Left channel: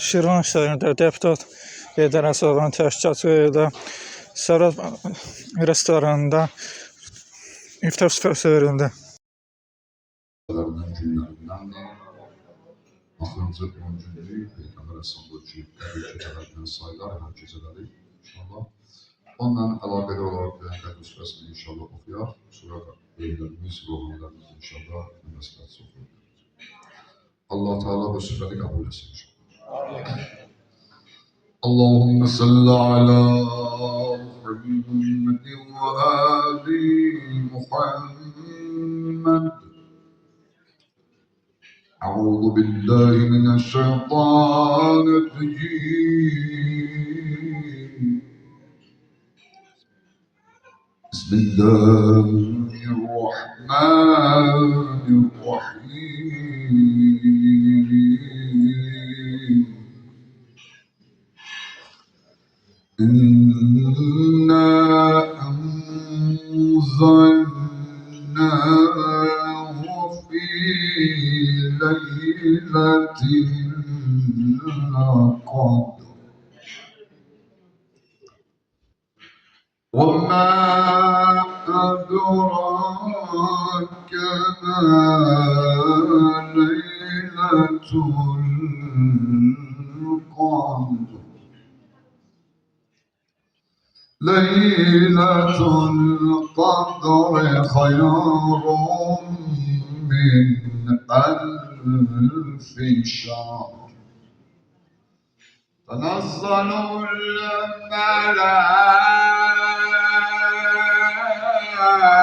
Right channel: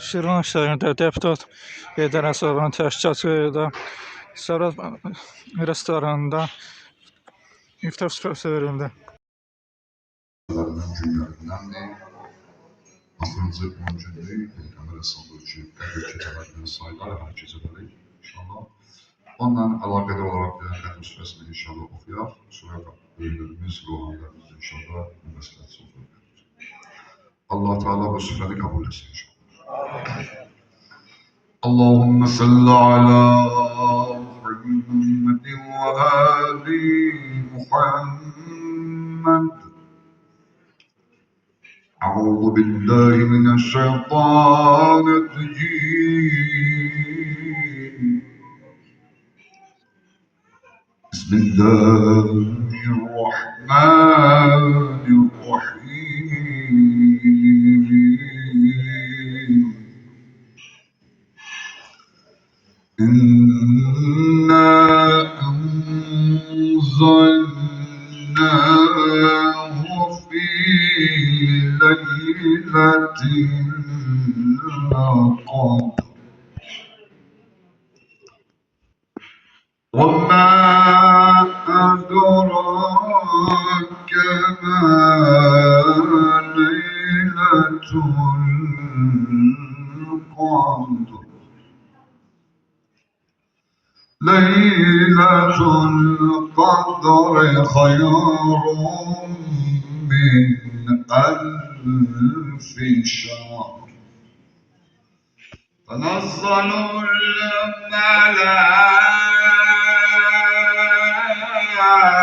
Şirvan şəhərində deputat Heydər Əsədovun təşkilatçılığı ilə Sərhəd restoranında iftar süfrəsi verildi. Günlərindendir. Axırıncı 10 günlük Peyğəmbər Əsədov ki, qəbul gecələrindən sayılar, hər gecələri inşallah. Onunla əlaqəli olaraq qəbul süfrəsini inşallah oxuyar. Sonra böyüklərimiz, ruhanilərimiz inşallah məsləhət oxuyar. Allah Teala bu süfrəni qəbul etsin inşallah. Allahümme salli ala Muhammed ve ali Muhammed. أعوذ بالله من الشيطان الرجيم بسم الله الرحمن الرحيم إنا أنزلناه في ليلة القدر وما أدراك ما ليلة القدر ليلة القدر خير من ألف شهر تنزل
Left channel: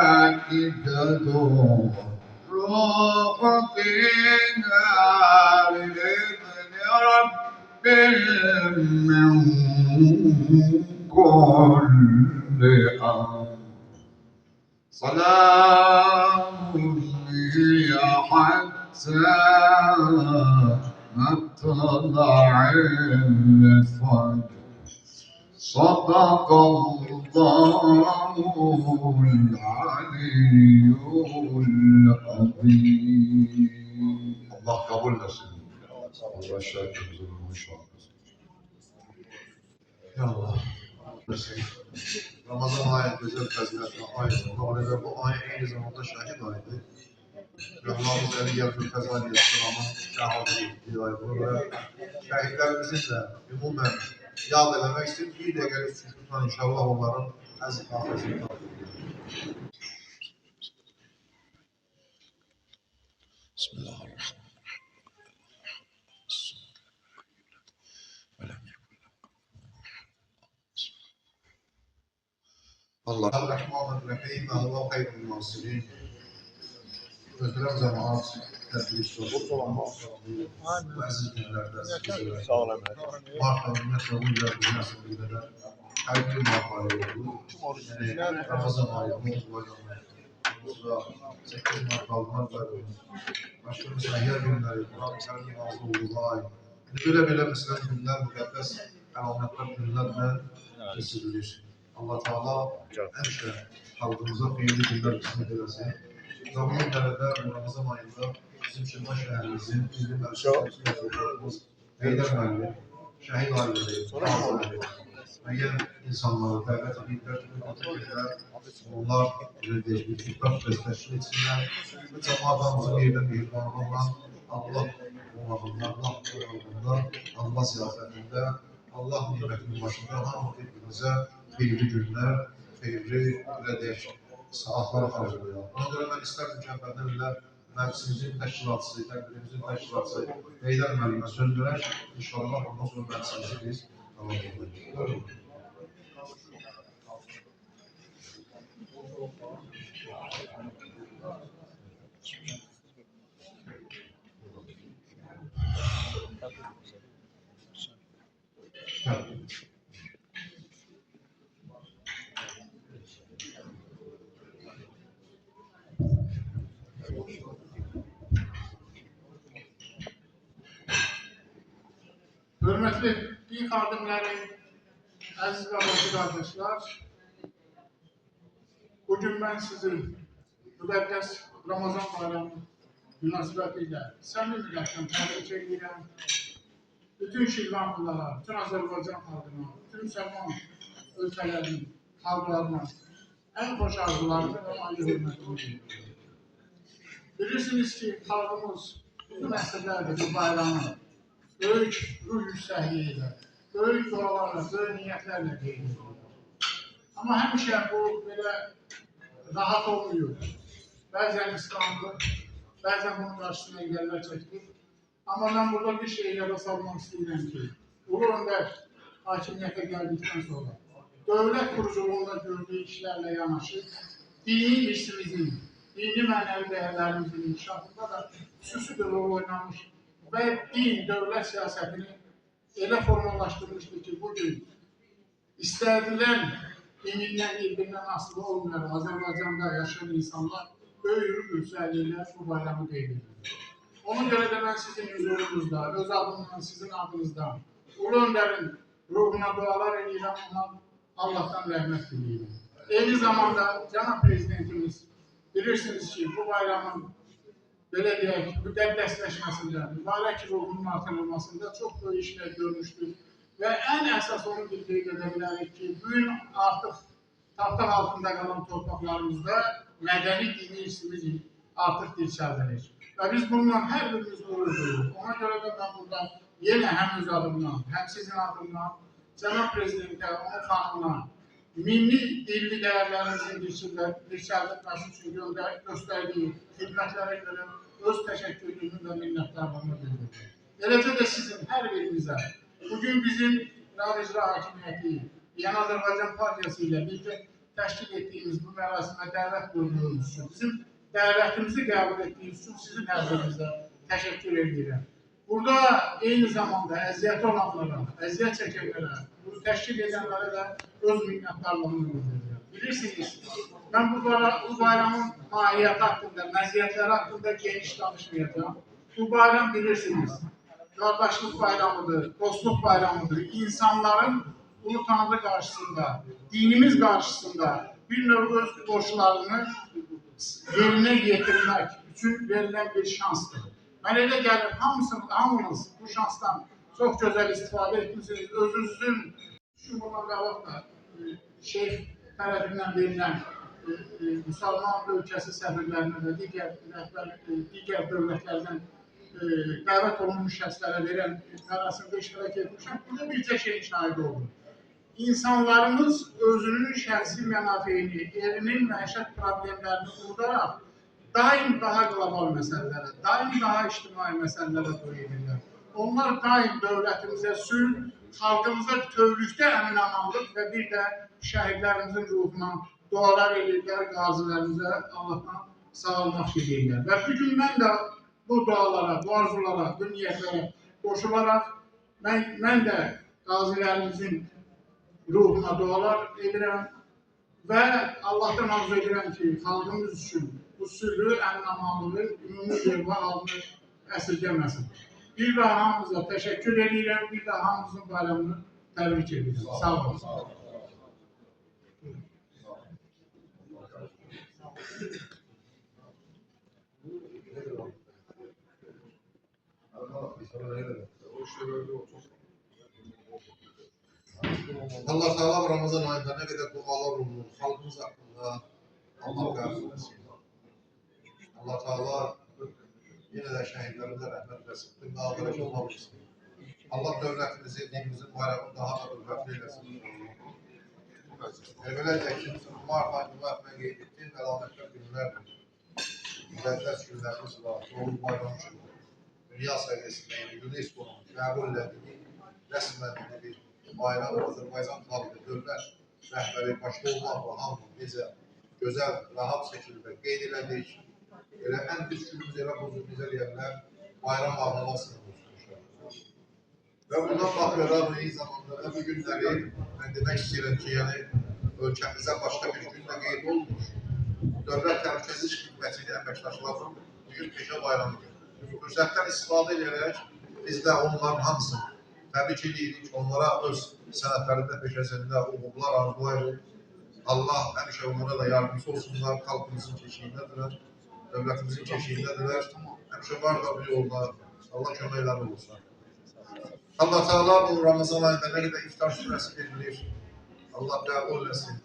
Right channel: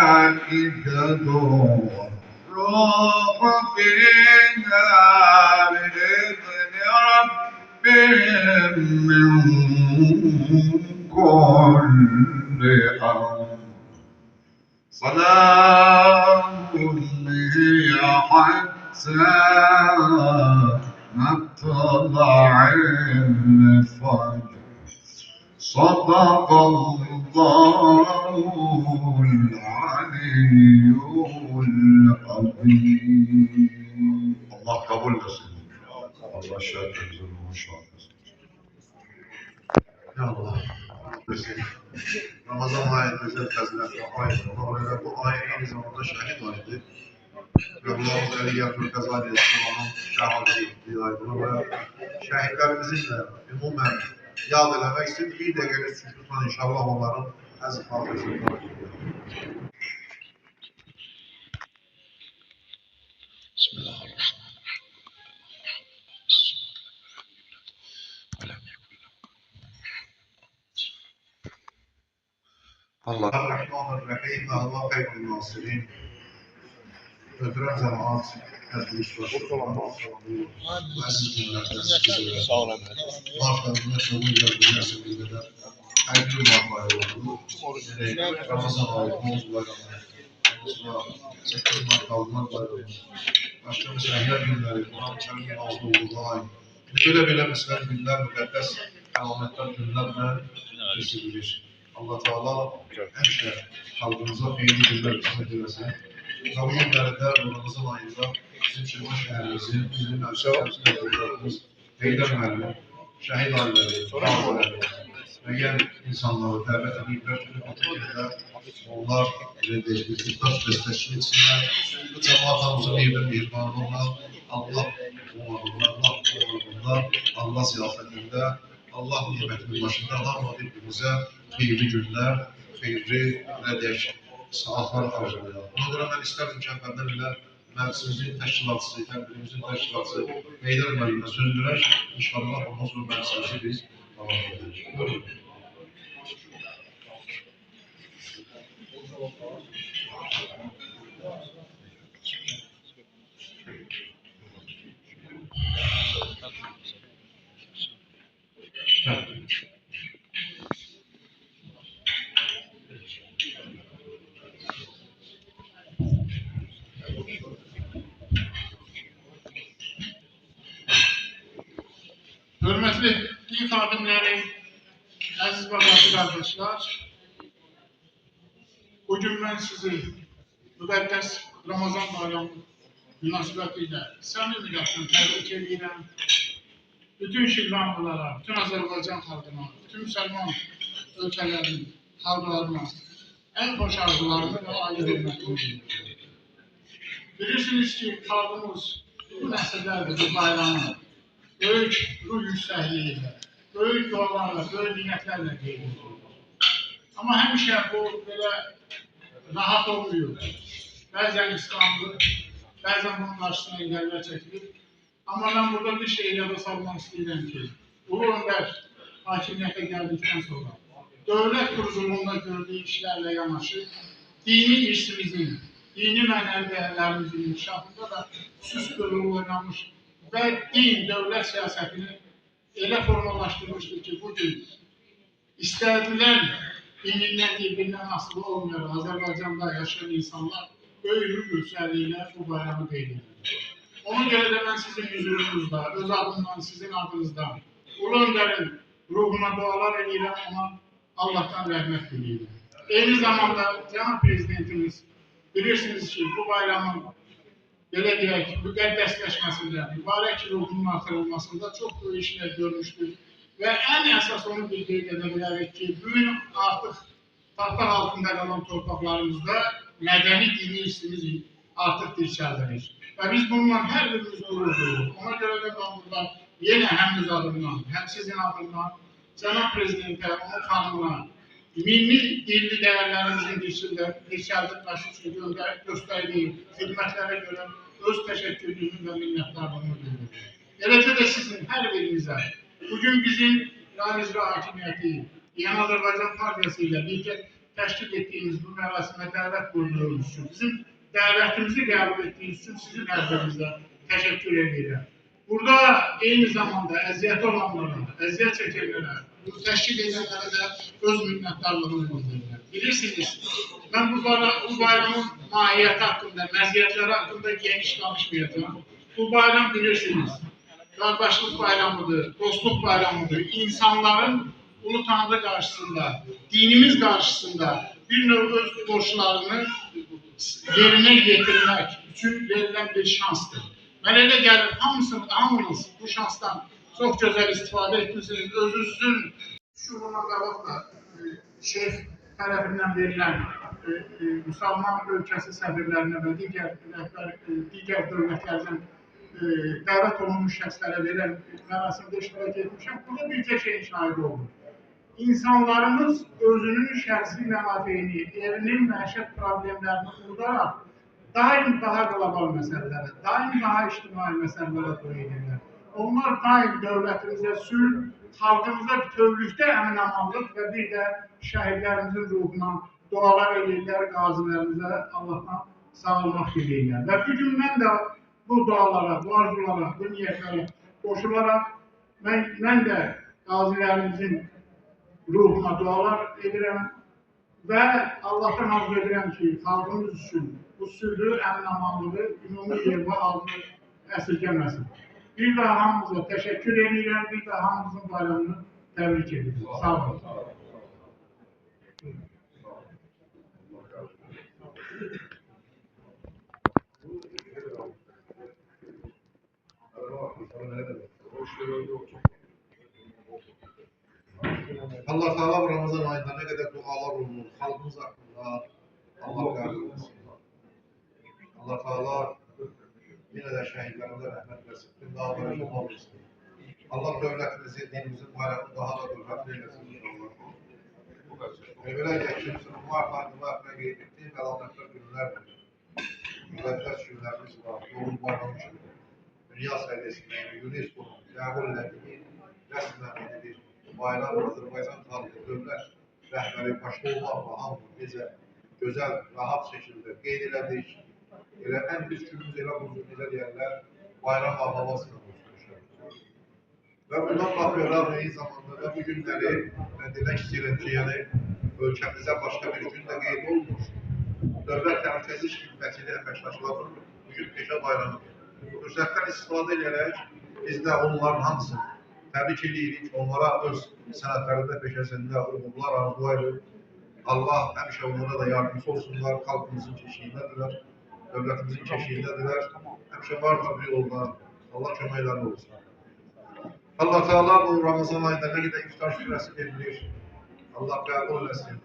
الملائكة والروح فيها بإذن ربهم من كل أمر سلام هي حتى مطلع الفجر صدق الله العلي العظيم. Allah kabul etsin. Allah şahitlerimizin ruhu şahit etsin. Ya Allah. Ramazan ayı güzel faziletli ayıdır. Ona bu ay aynı zamanda şahit ayıdır. Allah'ın Zeli Yavru Kazali İslam'ın şahidi ettiği aydır ve şehitlerimizin de umumen yad eləmək için bir dəqiqəlik sükutla inşallah onların əziz hafızını Bismillahirrahmanirrahim. Allah'ın ve huve hayrul nasirin. Öldüren cemaat tedbir bazı günlerde sağ olun. Mart'ta ümmetle nasip eder. Her gün mahvayı oldu. Ramazan ayı oldu. Sonra 8 Mart kaldılar bayramı. Başka mesela her günleri Kur'an-ı Kerim'in olduğu ay. Böyle mesela günler mükaddes alametler günlerle kesilir. Allah Teala hemşe halkımıza feyli günler kısmet eylesin. Zaman günlerde Ramazan ayında bizim Şirvan şehrimizin, bizim Erşehir'imiz, Heydər müəllim, şəhid ailələri, ailələri, müəyyən insanları dəvət ediblər ki, onlar iftar təşkil etsinlər. Bu cəmaatımızın evdə mehribanlığına, Allah qonağında, Allah ziyafətində, Allah nimətinin başında hamı bir-birimizə xeyirli günlər, xeyirli saatlar arzulayalım. Ona görə mən istərdim ki, əvvəldən ilə məclisimizin təşkilatçısı, tədbirimizin təşkilatçısı Heydər müəllimə söz verək. İnşallah ondan sonra məclisimizi biz davam edəcəyik. Buyurun. Hürmetli din xadimləri, əziz və bacı qardaşlar, bugün mən sizi müqəddəs Ramazan bayramı münasibətilə səmimi qəlbdən təbrik edirəm. bütün Şirvanlılara, bütün Azərbaycan xalqına, bütün Müsəlman ölkələrin xalqlarına ən xoş arzularını və ayrı hörmətini bildirir. Bilirsiniz ki, xalqımız uzun əsrlərdir bu bayramı böyük ruh yüksəkliyi ilə, böyük dualarla, böyük niyyətlərlə qeyd edilir. Amma həmişə bu belə rahat olmuyor. Bəzən qısqanılır, bəzən bunun qarşısına engəllər çəkilir. Amma mən burada bir şey yada salmaq istəyirəm ki, Ulu Öndər hakimiyyətə gəldikdən sonra dövlət quruculuğunda gördüyü işlərlə yanaşı, dini irsimizin, dini mənəvi dəyərlərimizin inkişafında da xüsusi bir rol oynamış və din, dövlət siyasətini elə formalaşdırmışdır ki, bugün istədilən dinindən, bir-birindən asılı olmayan Azərbaycanda yaşayan insanlar böyük yüksəlliklə bu bayramı qeyd edir. Ona görə də mən sizin huzurunuzda, öz adımdan, sizin adınızdan Ulu Öndərin ruhuna dualar edirəm, ona Allah'tan rəhmət diləyirəm. Eyni zamanda Cənab Prezidentimiz bilirsiniz ki, bu bayramın belə deyək, müqəddəsləşməsində, mübarək ruhunun artırılmasında çox böyük işlər görmüşdür. Və ən əsas onu bir qeyd edə bilərik ki, bugün artıq taxta altında qalan torpaqlarımızda mədəni dini irsimiz artıq dirçəldirir. Və biz bununla hər birimiz qürur duyuruq. Ona görə də mən burada yenə həm öz adımdan, həm sizin adımdan Cənab Prezidentə, onun xanımına, milli dilli dəyərlərimizin dirçəldilməsi üçün göstərdiyi xidmətlərə görə öz təşəkkürlüyümü və minnətdarlığımı bildirir. Eləcə də sizin hər birinizə, bugün bizim İran İcra Hakimiyyəti, İran Azərbaycan Partiyası ilə birlikdə təşkil etdiyimiz bu mərasimə dəvət buyurduğunuz üçün, bizim dəvətimizi qəbul etdiyiniz üçün sizin hər birinizə təşəkkür edirəm. Burada eyni zamanda əziyyəti olanlara, əziyyət çəkənlərə, bunu təşkil edənlərə də öz minnətdarlığını bildirirəm. Bilirsiniz, mən bu bayramın mahiyyəti haqqında, məziyyətləri haqqında geniş danışmayacağım. Bu bayram bilirsiniz, qardaşlıq bayramıdır, dostluq bayramıdır. İnsanların Ulu Tanrı qarşısında, dinimiz qarşısında bir növ öz borçlarını yerinə yetirmək üçün verilən bir şansdır. Mən elə gəlir, hamınız bu şansdan çox gözəl istifadə etmişsiniz. Özünüzün şuuruna qabaq da şeyx tərəfindən verilən müsəlman ölkəsi səfirlərinə və digər dövlətlərdən dəvət olunmuş şəxslərə verən mərasimdə iştirak etmişəm. Burada bircə şeyin şahidi oldum. İnsanlarımız özünün şəxsi mənafeyini, evinin məişət problemlərini unudaraq daim daha qlobal məsələlərə, daim daha ictimai məsələlərə toy edirlər. Onlar daim dövlətimizə sülh, xalqımıza bütövlükdə əmin-amanlıq və bir də şəhidlərimizin ruhuna dualar edirlər, qazilərimizə Allahdan sağolmaq diləyirlər. Və bugün mən də bu dualara, bu arzulara, bu niyyətlərə qoşularaq mən də qazilərimizin ruhuna dualar edirəm və Allah'tan arzu edirəm ki, xalqımız üçün bu sülhü, əmin-amanlığı, ümumi yerba halını əsirgəməsin. Bir daha hamımıza təşəkkür edirəm, bir daha hamımızın bayramını təbrik edirəm. Sağ olun. Allah Teala bu Ramazan ayında ne kadar dualar olunur, halkımız hakkında Allah kabul etsin. Allah Teala yine de şehitlerimize rahmet versin. Tüm dağlara şifa versin. Allah devletimizi, dinimizin bayramını daha da hürmetli eylesin. Böylece kimsenin muvaffakı ve geyrettiğin alametler günlerdir. Müqəddəs günlərimiz var, doğum bayramı kimi. Dünya seviyesinde UNESCO'nun kabul ettiği resmen bir bayram Azərbaycan xalqı, dövlət rəhbəri başda olmaqla hamı necə gözəl, rahat şəkildə qeyd elədik. Elə ən pis günümüz elə buzur, necə deyərlər, bayram havasını bozmuşlar. Və bundan baxıyorlar, eyni zamanda da bu günləri mən demək istəyirəm ki, yəni ölkəmizə başqa bir gün də qeyd olmuş. Dövlət təhlükəsizlik xidmətinin əməkdaşları bugün peşə bayramıdır. Fürsətdən istifadə edərək biz də onların hamısını təbrik edirik, onlara öz sənətlərində, peşəsində uğurlar arzulayırıq. Allah həmişə onlara da yardımcı olsunlar, xalqımızın keşiyindədirlər, dövlətimizin keşiyindədirlər. Həmişə var da bu yolda, Allah köməkləri olsun. Allah Teala bu Ramazan ayında ne kadar iftar süresi verilir. Allah kabul etsin.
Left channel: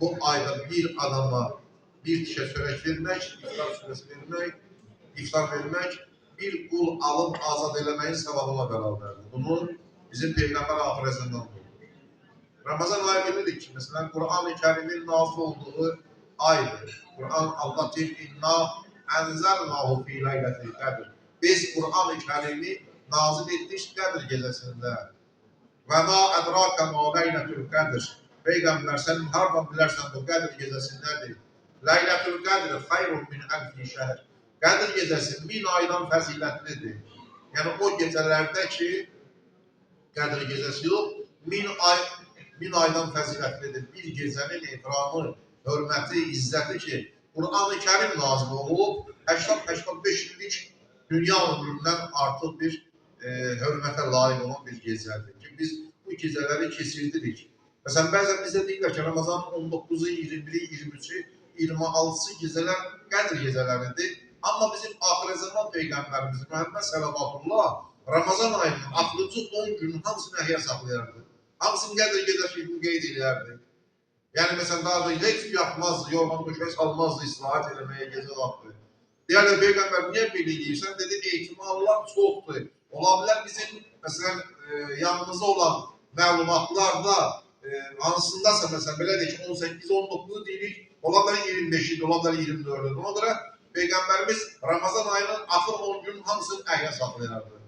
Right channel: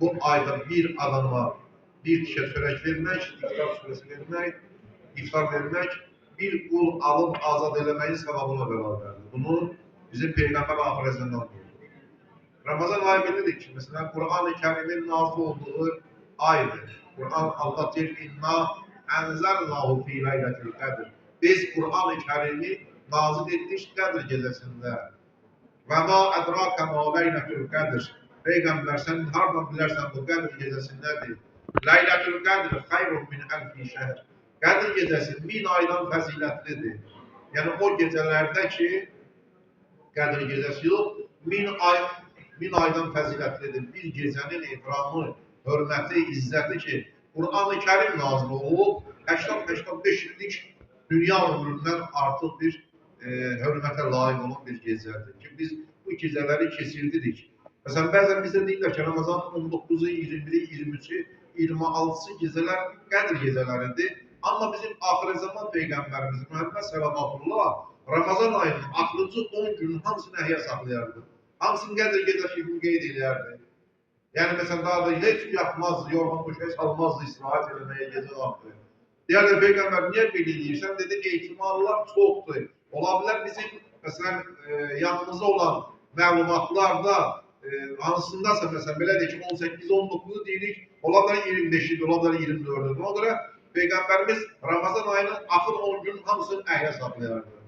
Bu ayda bir adama bir kişiye çörek vermek, iftar süresi vermek, iftar vermek, bir kul alıp azad eləməyin sevabına beraberdir. Bunu bizim Peygamber ahiretinden buldu. Ramazan ayı bilirik ki, mesela Kur'an-ı Kerim'in nazil olduğu aydır. Kur'an Allah deyir, inna enzəlnahu fi leyletil qadr. Biz Kur'an-ı Kerim'i nazil etdik Qədir gecəsində. Və ma ədraka ma leyletul qadr. Peygamber sen hardan bilərsən bu Qədir gecəsindədir. Leyletul qadr xayrun min alfi şehr. Qədir gecəsi 1000 aydan fəzilətlidir. Yəni o gecələrdə ki, Qədir gecəsi yox, 1000 aydan fəzilətlidir. Bir gecənin ehtiramı, hörməti, izzəti ki, Kur'an-ı Kerim nazil olub, 80-85 illik dünya ömründən artıq bir hörmətə layiq olan bir gecədir ki, biz bu gecələri keçirdirik. Məsələn, bəzən bizdə deyirlər ki, Ramazan 19-u, 20-i, 23-ü, 26-sı gecələr Qədir gecələridir. Amma bizim axir zaman Peyğəmbərimiz Məhəmməd Sələvatullah Ramazan ayının axırıncı 10 günün hamısını əhya saxlayardı. Hamısını Qədir gecəsi qeyd edərdi. Yəni, məsələn, daha da heç yatmazdı, yorğan döşək salmazdı, istirahət eləməyə gecə vaxtı. Deyərlər, Peyğəmbər niyə belə deyirsən? Dedi, ehtimallar çoxdur. Ola bilər bizim, məsələn, yanımızda olan məlumatlarda hansındasa, məsələn, belə deyək ki, 18-19-u deyirik, ola bilər 25-idi, ola bilər 24-dür. Ona görə Peyğəmbərimiz Ramazan ayının axır 10 günün hamısını əhya saxlayardı.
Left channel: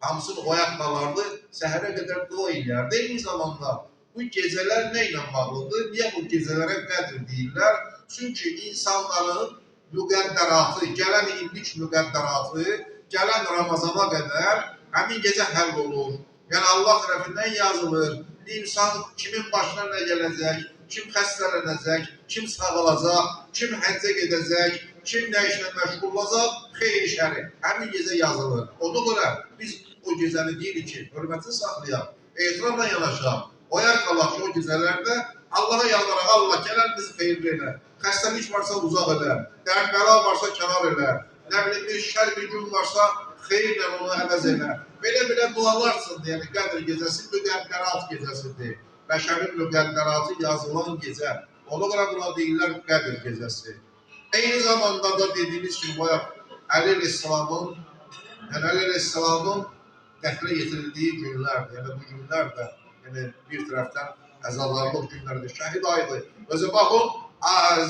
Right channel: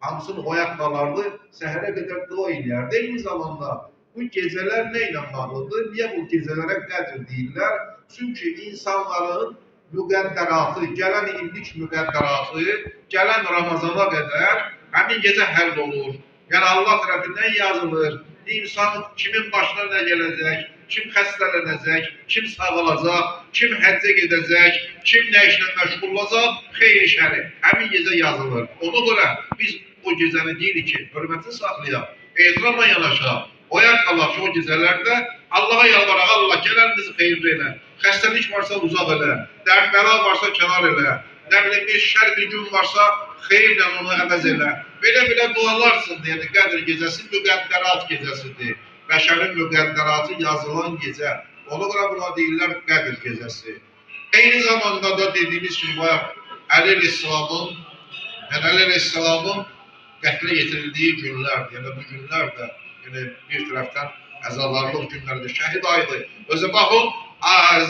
Hamısını oyaq qalardı, səhərə qədər dua eləyərdi. Eyni zamanda bu gecələr nə ilə bağlıdır? Niyə bu gecələrə Qədr deyirlər? Çünki insanların müqəddəratı, gələn illik müqəddəratı, gələn Ramazana qədər həmin gecə həll olur. Yəni Allah tərəfindən yazılır. İnsan kimin başına nə gələcək, kim xəstələnəcək, kim sağalacaq, kim həccə gedəcək, kim nə işlə məşğul olacaq, xeyir şəri. Həmin gecə yazılır. Ona görə biz o gecəni deyirik ki, hörmətini saxlayaq, ehtiramla yanaşaq, oyaq qalaq ki, o gecələrdə Allah'a yalvaraq, Allah gələnimizi xeyirli elə, xəstəlik varsa uzaq elə, dərd bəla varsa kənar elə, nə bilim bir şər bir gün varsa xeyirlə onu əvəz elə. Belə dualarsındır, yəni Qədr gecəsi müqəddərat gecəsidir. Bəşərin müqəddəratı yazılan gecə. Ona görə buna deyirlər Qədr gecəsi. Eyni zamanda da dediyimiz kimi bayaq Əli Aleyhisselamın qətlə yetirildiyi günlərdir. Yəni bu günlər də bir tərəfdən əzalarlıq günlərdir, şəhid ayıdır. Özə baxın,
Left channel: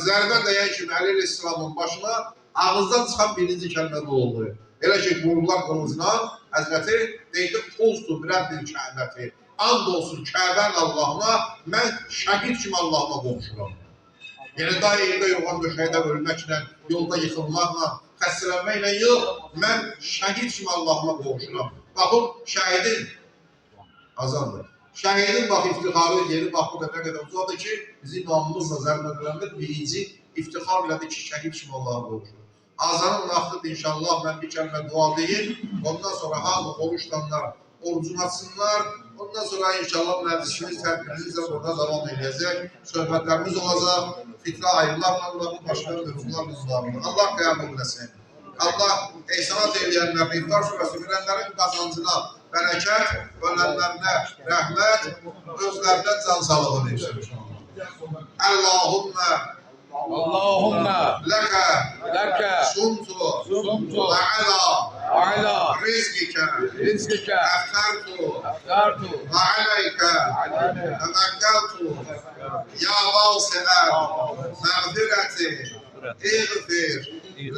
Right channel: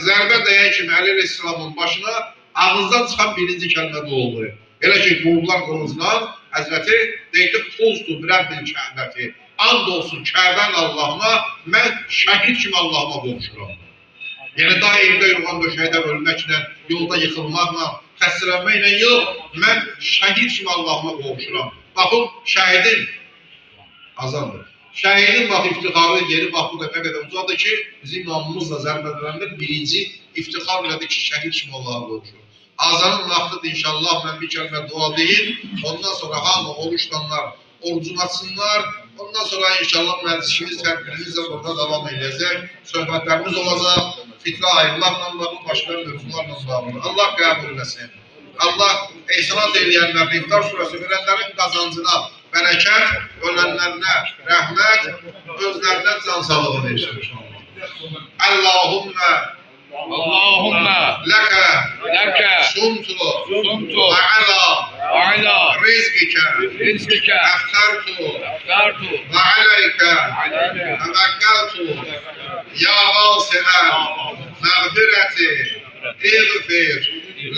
zərbə dəyən kimi Əli Aleyhisselamın başına ağızdan çıxan birinci kəlmə bu oldu. Elə ki, qururlar qılıncdan, Həzrəti deyildi, Qulstu Rəbbil Kəbəti. And olsun Kəbənin Allahına, mən şəhid kimi Allahıma qovuşuram. Yəni daha evdə yorğan döşəkdə ölməklə, yolda yıxılmaqla, xəstələnməklə yox, mən şəhid kimi Allahıma qovuşuram. Baxın, şəhidin azandır. Şəhidin bax iftixarlı yeri bax bu da nə qədər uzadır ki, bizim namımızla zərbədələndə birinci iftixar elədi ki, şəhid kimi Allah'a qovuşur. Azanın vaxtıdır inşallah, mən bir kəlmə dua deyim, ondan sonra hamı oruçlanlar, orucunu açsınlar, ondan sonra inşallah məclisimiz tədbirimizlə burada davam edəcək, söhbətlərimiz olacaq, fitrə ayrılarla bağlı, başqa mövzularla bağlı. Allah qəbul etsin. Allah ehsanat eləyənlərin, İftar surəsi verənlərin qazancına bərəkət, ölənlərinə rəhmət, özlərinə can sağlığı versin inşallah. Allahümme leke sumtu ve ala rizqike eftartu ve aleyke tevekkeltu ya vasi'el mağfireti iğfir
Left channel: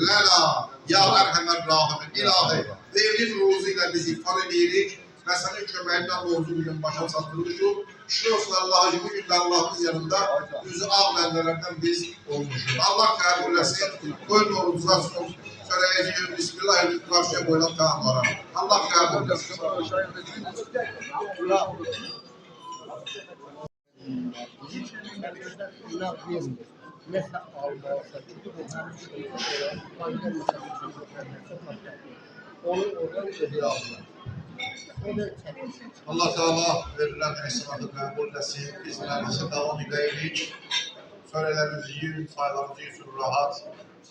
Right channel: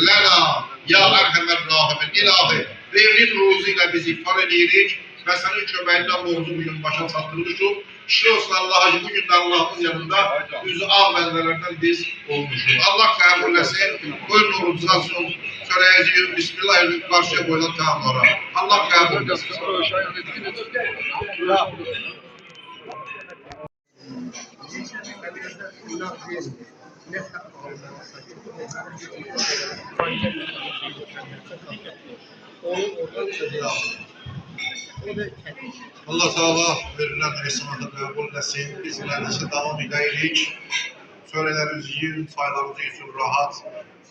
lena ya erhamer rahimin. İlahi verdiğin ruzu ile biz iftar edirik ve senin köməyindən borcu bugün başa çatdırmışıq. Şükür olsun Allah'a ki bugün de Allah'ımız yanında yüzü ağ bendelerden biz olmuşuz. Allah kabul etsin. Buyurun orucunasın. Söyleyeceğim Bismillahirrahmanirrahim. Karşıya koyulan tamamlara. Allah kabul etsin. Allah Teala verilen ehsanatı kabul etsin. Biz meclise devam edirik. Söylelerimizi yiyin, sayılarımızı için rahat.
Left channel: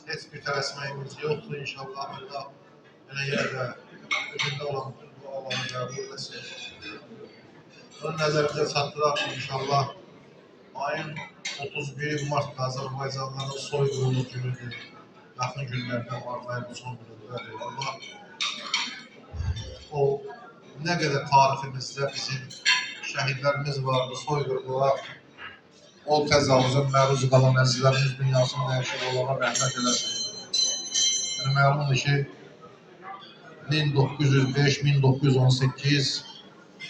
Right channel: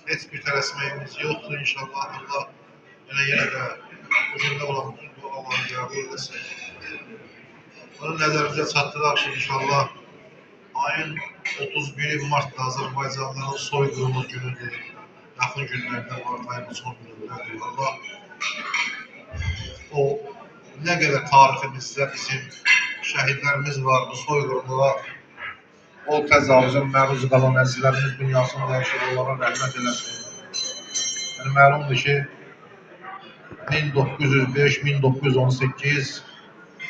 Hiçbir tersmeyimiz yoktur inşallah. Allah yine de bugün de olan dualarını qəbul etsin. Bunu nəzərimizə çatdıraq ki, inşallah ayın 31 Mart'da Azərbaycanlıların soyqırımı günüdür. Yaxın günlərdə Mart ayının son günüdür. Allah o nə qədər tariximizdə bizim şəhidlərimiz var, bu soyqırımlara o təcavüzə məruz qalan əzizlərimiz dünyasını dəyişir, onlara rəhmət eləsin. Yəni, məlumdur ki, 1905, 1918,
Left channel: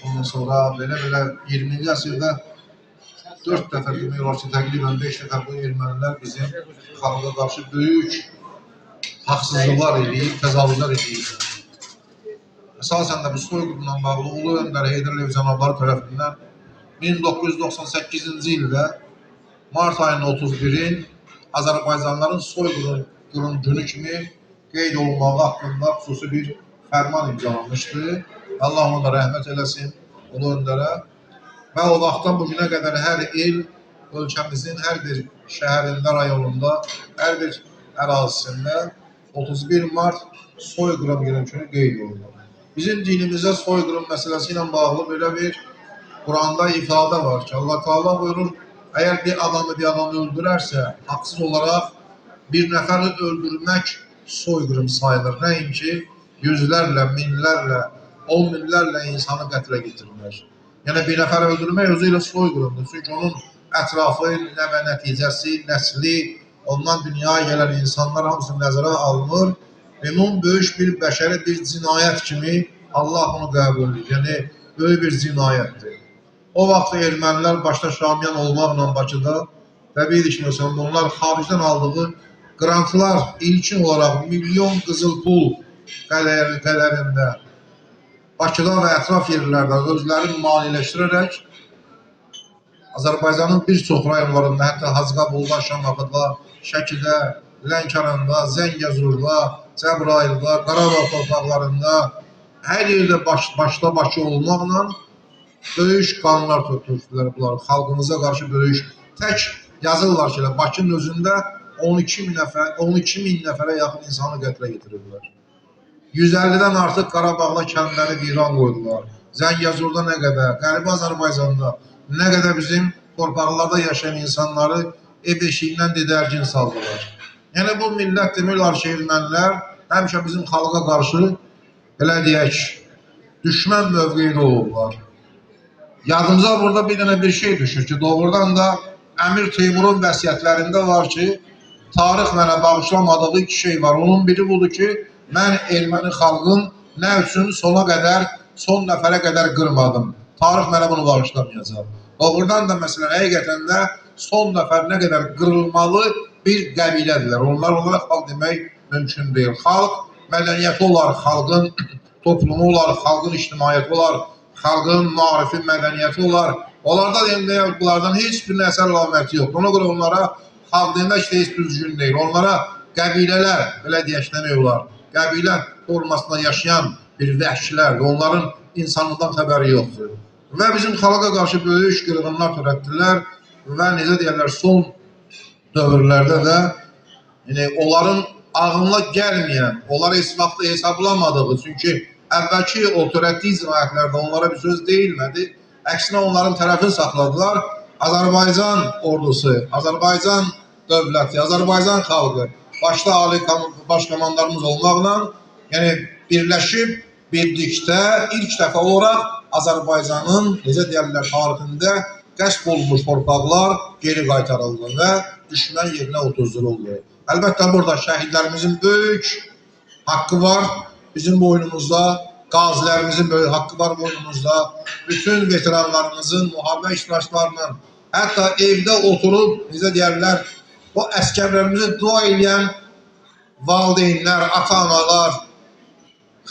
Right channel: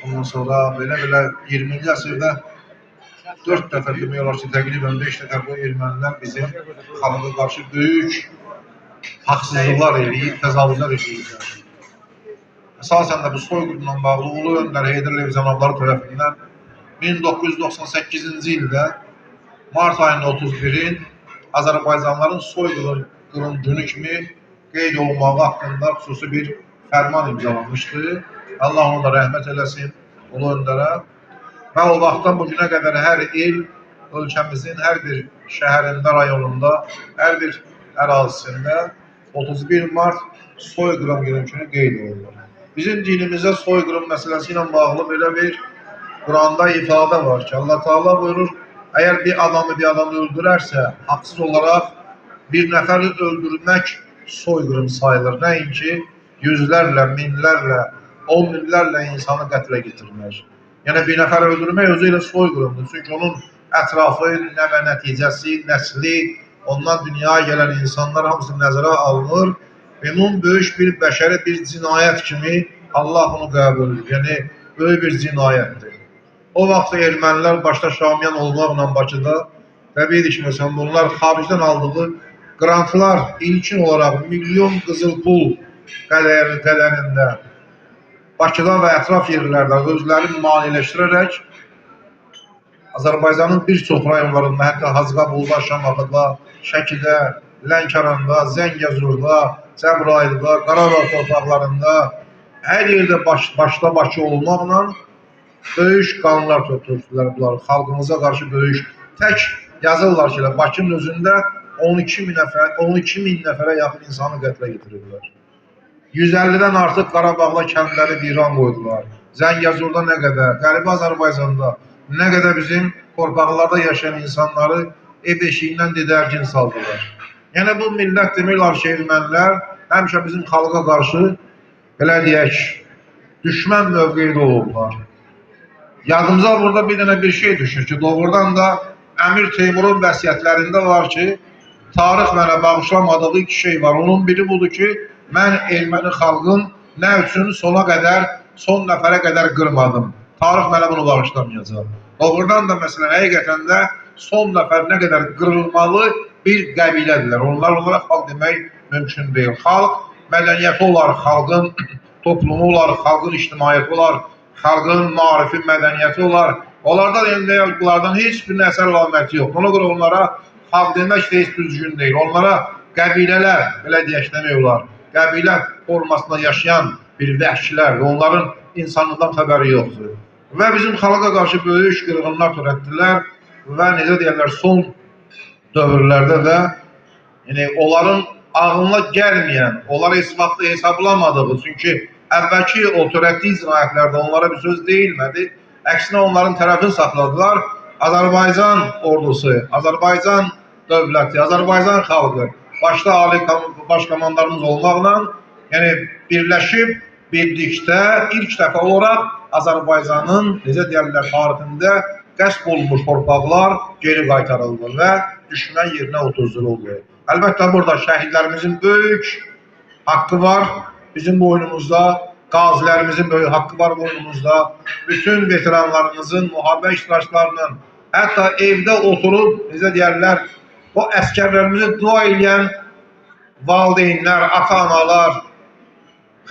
ondan sonra belə 20-ci əsrdə 4 dəfə demək olar ki, təqribən 5 dəfə bu ermənilər bizim xalqa qarşı böyük haqsızlıqlar eləyib, təcavüzlər eləyib. Əsasən də bu soyqırımla bağlı Ulu Öndər Heydər Əliyev cənabları tərəfindən 1998-ci ildə Mart ayının 31-in Azərbaycanlıların soyqırım günü kimi qeyd olunmağı haqqında xüsusi bir fərman imzalanmışdı. Allah ona da rəhmət eləsin, Ulu Öndərə. Və o vaxtdan bugünə qədər hər il ölkəmizin hər bir şəhərində, rayonunda, hər bir ərazisində 31 Mart soyqırım günü kimi qeyd olunur. Bizim dinimizdə soyqırım məsələsi ilə bağlı belə bir Quranda ifadə var ki, Allah Teala buyurur, əgər bir adamı öldürərsə, haqsız olaraq bir nəfəri öldürmək soyqırım sayılır. Nəinki yüzlərlə, minlərlə, 10 minlərlə insanı qətlə getirmək. Yəni, bir nəfər öldürmək özü ilə soyqırımdır. Çünki onun ətrafı, nəvə nəticəsi, nəsli, ondan dünyaya gələn insanlar hamısı nəzərə alınır. Və onun böyük bir bəşəri bir cinayət kimi Allah bunu qəbul edir. Yəni, böyük bir cinayətdir. O vaxt ermənilər başda Şamiyan olmaqla Bakıda və bildik ki, məsələn, bunlar xaricdən aldığı qrantlar ilkin olaraq milyon qızıl pul qədərində Bakıda və ətraf yerlərdə özlərini maliləşdirərək Azərbaycanın bir çox rayonlarında, hətta Hacıqabulda, Şamaxıda, Şəkidə, Lənkəranda, Zəngəzurda, Cəbrayılda, Qarabağ torpaqlarında hər yerdə başda Bakı olmaqla böyük qanunlar tökdürdülər bunlar. Xalqımıza qarşı böyük tək yazırlar ki, Bakının özündə 12 min nəfərə yaxın insanı qətlə getirirlər. 150-dən artıq Qarabağda kəndləri viran qoydular. Zəngəzurda nə qədər, Qərbi Azərbaycanda nə qədər bizim torpaqlarda yaşayan insanları ev eşiyindən didərgin saldılar. Yəni, bu millət demək olar ki, ermənilər həmişə bizim xalqa qarşı, belə deyək, düşmən mövqeydə olurlar. Yadımıza burada bir dənə bir şey düşür ki, doğrudan da Əmir Teymurun vəsiyyətlərində var ki, tarix mənə bağışlamadığı iki şey var. Onun biri budur ki, mən erməni xalqın nə üçün sona qədər, son nəfərə qədər qırmadım. Tarix mənə bunu bağışlamayacaq. Doğrudan da məsələn, həqiqətən də son nəfər nə qədər qırılmalı bir qəbilədirlər. Onlara xalq demək mümkün deyil. Xalq mədəniyyəti olar, xalqın toplumu olar, xalqın ictimaiyyəti olar, xalqın marifi mədəniyyəti olar. Onlarda bunlardan heç bir əsər əlaməti yox. Ona görə onlara xalq demək də heç düzgün deyil. Onlara qəbilələr, belə deyək demək olar. Qəbilə formasında yaşayan bir vəhşilərdir. Onların insanlıqdan xəbəri yoxdur. Və bizim xalqa qarşı böyük qırğınlar törətdilər və necə deyərlər, son dövrlərdə də onların ağlına gəlməyən, onlara heç vaxtı hesablamadığı, çünki əvvəlki o törətdiyi cinayətlərdə onlara bir söz deyilmədi. Əksinə onların tərəfini saxladılar. Azərbaycan ordusu, Azərbaycan dövləti, Azərbaycan xalqı, başda ali baş komandarımız olmaqla, yəni birləşib, birlikdə ilk dəfə olaraq Azərbaycanın, necə deyərlər, tarixində qəsb olunmuş torpaqlar geri qaytarıldı və düşmən yerinə otuzduruldu. Əlbəttə, burada şəhidlərimizin böyük haqqı var, bizim boynumuzda, qazilərimizin böyük haqqı var boynumuzda, bütün veteranlarımızın, müharibə iştirakçılarının, hətta evdə oturub, necə deyərlər, o əskərlərimizi dua edən valideynlər, ata-analar,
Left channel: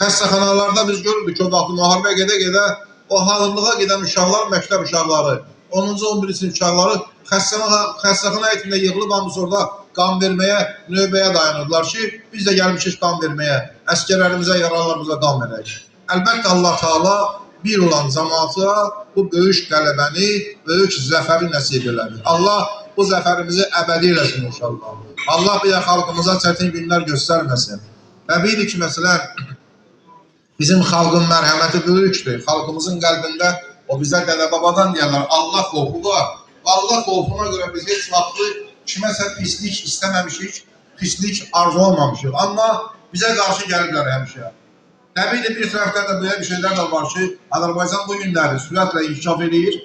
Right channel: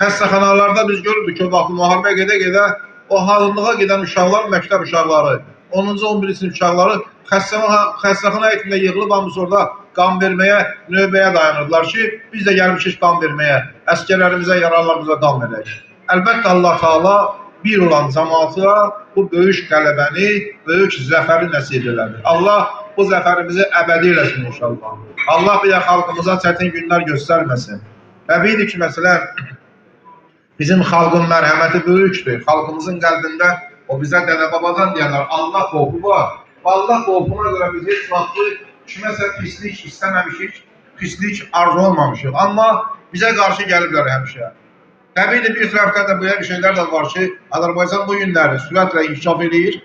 xəstəxanalarda biz görürdük ki, o vaxt müharibə gedə-gedə o halınlığa gedən uşaqlar, məktəb uşaqları, 10-cu 11-ci sinif uşaqları xəstəxana heyətində yığılıb hamısı orada qan verməyə, növbəyə dayanırdılar ki, biz də gəlmişik qan verməyə, əskərlərimizə, yaralılarımıza qan verək. Əlbəttə, Allah Teala bir olan cəmaata bu böyük qələbəni, böyük zəfəri nəsib elədi. Allah bu zəfərimizi əbədi eləsin inşallah. Allah bir də xalqımıza çətin günlər göstərməsin. Və bildik ki, məsələn, Bizim xalqın mərhəməti böyükdür. Xalqımızın qəlbində o bizə dədə-babadan deyirlər, Allah qorxu var. Allah qorxuna görə biz heç vaxtı kiməsə pislik istəməmişik, pislik arzu olmamışıq. Amma bizə qarşı gəliblər həmişə. Təbii bir tərəfdən də böyle bir şeylər də var ki, Azərbaycan bu günləri sürətlə inkişaf edir.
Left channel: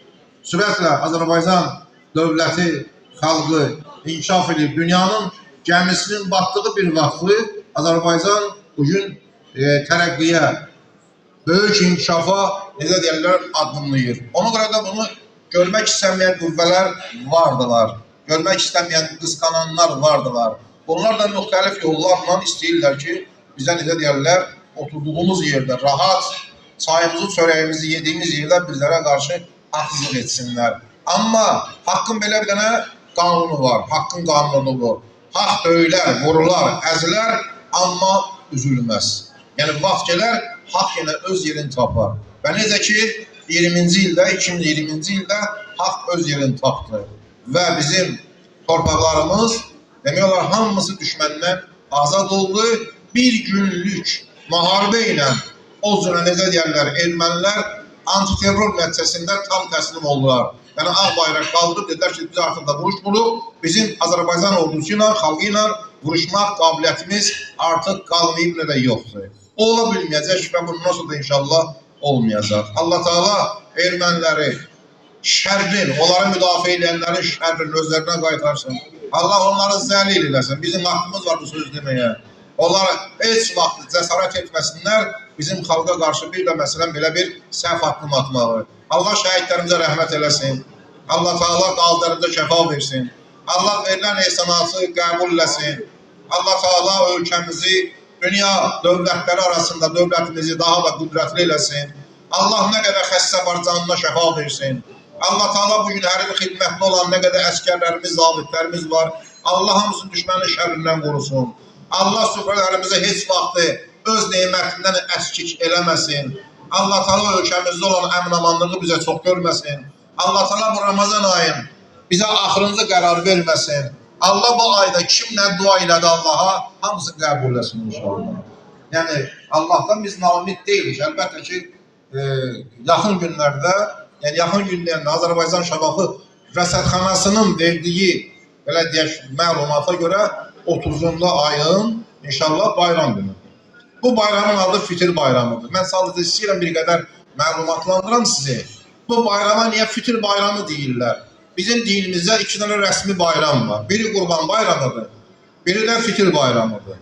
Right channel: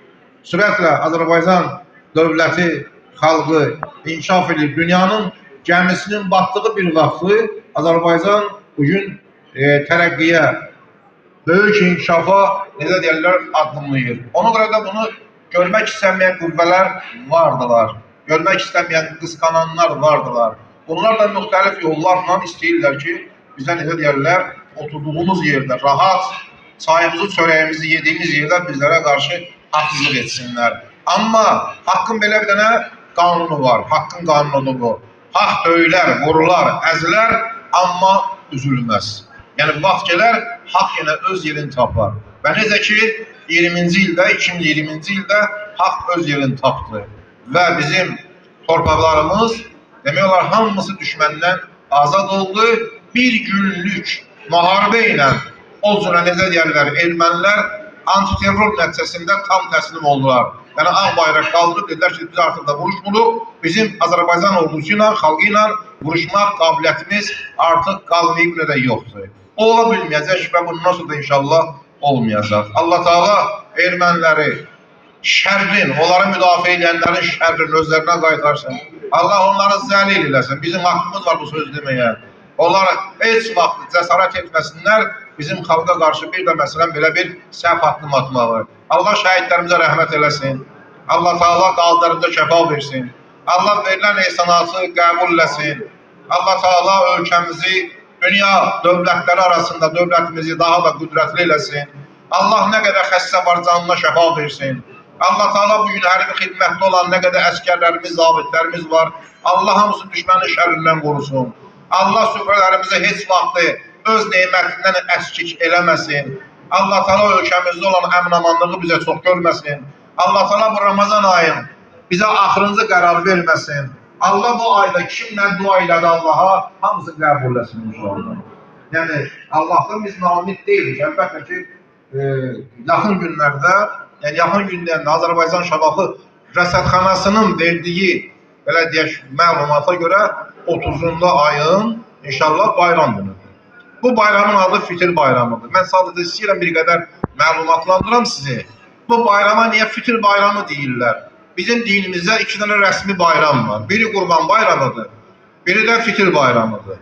Sürətlə Azərbaycan dövləti, xalqı inkişaf edir. Dünyanın gəmisinin batdığı bir vaxtı Azərbaycan bugün tərəqqiyə, böyük inkişafa necə deyirlər, addımlayır. Ona görə də bunu görmək istəməyən qüvvələr vardılar. Görmək istəməyən qısqananlar vardılar. Bunlar da müxtəlif yollarla istəyirlər ki, bizə necə deyirlər, oturduğumuz yerdə rahat, çayımızı, çörəyimizi yediğimiz yerdə bizlərə qarşı haqsızlıq etsinlər. Amma haqqın belə bir dənə qanunu var, haqqın qanunudur bu. Haqq döyülər, vurular, əzilər, amma üzülməz. Yəni vaxt gələr, haqq yenə öz yerini tapar. Və necə ki, 20-ci ildə, 2020-ci ildə haqq öz yerini tapdı. Və bizim torpaqlarımız, demək olar, hamısı düşməndən azad oldu. Bir günlük müharibə ilə o cürə necə deyərlər, ermənilər antiterror nəticəsində tam təslim oldular. Yəni ağ bayraq qaldırıb dedilər ki, biz artıq da vuruşmuluq. Bizim Azərbaycan ordusu ilə, xalqı ilə vuruşmaq qabiliyyətimiz artıq qalmayıb, nə də yoxdur. O ola bilməyəcək və bundan sonra da inşallah olmayacaq. Allah Teala erməniləri şərrin, onları müdafiə edənlərin şərrin özlərinə qaytarsın. Allah onları zəlil eləsin. Bizim haqqımız var bu söz deməyə. Onlar heç vaxt cəsarət etməsinlər bizim xalqa qarşı bir də məsələn belə bir səhv addım atmağı. Allah şəhidlərimizə rəhmət eləsin. Allah Teala qazilərimizə şəfa versin. Allah verilən ehsanatı qəbul eləsin. Allah Teala ölkəmizi dünya dövlətləri arasında dövlətimizi daha da qüdrətli eləsin. Allah nə qədər xəstə var canına şəfa versin. Allah Teala bugün hərbi xidmətli olan nə qədər əskərlərimiz, zabitlərimiz var. Allah hamısını düşmənin şərrindən qorusun. Allah süfrələrimizə heç vaxtı öz nemətindən əskik eləməsin. Allah Teala ölkəmizdə olan əmin-amanlığı bizə çox görməsin. Allah Teala bu Ramazan ayın bizə axırıncı qərar verməsin. Allah bu ayda kimlə dua elədi Allaha, hamısını qəbul eləsin inşallah. Yəni Allahdan biz namid deyilik. Əlbəttə ki, yaxın günlərdə, yəni yaxın günlərdə Azərbaycan Şabahı rəsədxanasının verdiyi, belə deyək, məlumata görə 30-unda ayın inşallah bayram günüdür. Bu bayramın adı Fitir bayramıdır. Mən sadəcə istəyirəm bir qədər məlumatlandıram sizi. Bu bayrama niyə Fitir bayramı deyirlər? Bizim dinimizdə iki dənə rəsmi bayram var. Biri Qurban bayramıdır, biri də Fitir bayramıdır.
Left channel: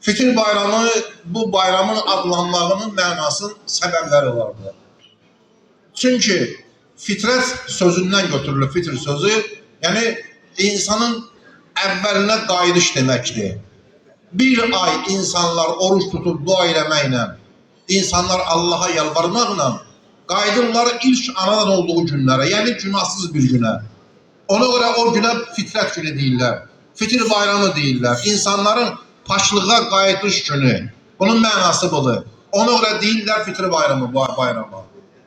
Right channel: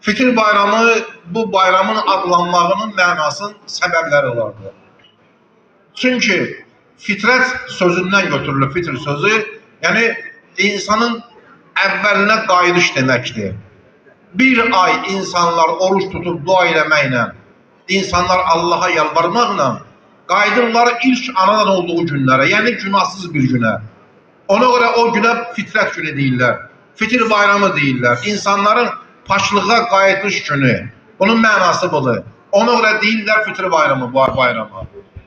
Fitir bayramı, bu bayramın adlanmağının mənasının səbəbləri vardır. Çünki fitrət sözündən götürülür, fitr sözü, yəni insanın əvvəlinə qayıdış deməkdir. Bir ay insanlar oruç tutub dua eləməklə, insanlar Allaha yalvarmaqla qayıdırlar ilk anadan olduğu günlərə, yəni günahsız bir günə. Ona görə o günə fitrət günü deyirlər, fitir bayramı deyirlər, insanların paçlığa qayıdış günü. Bunun mənası budur. Ona görə deyirlər fitir bayramı, bayramı.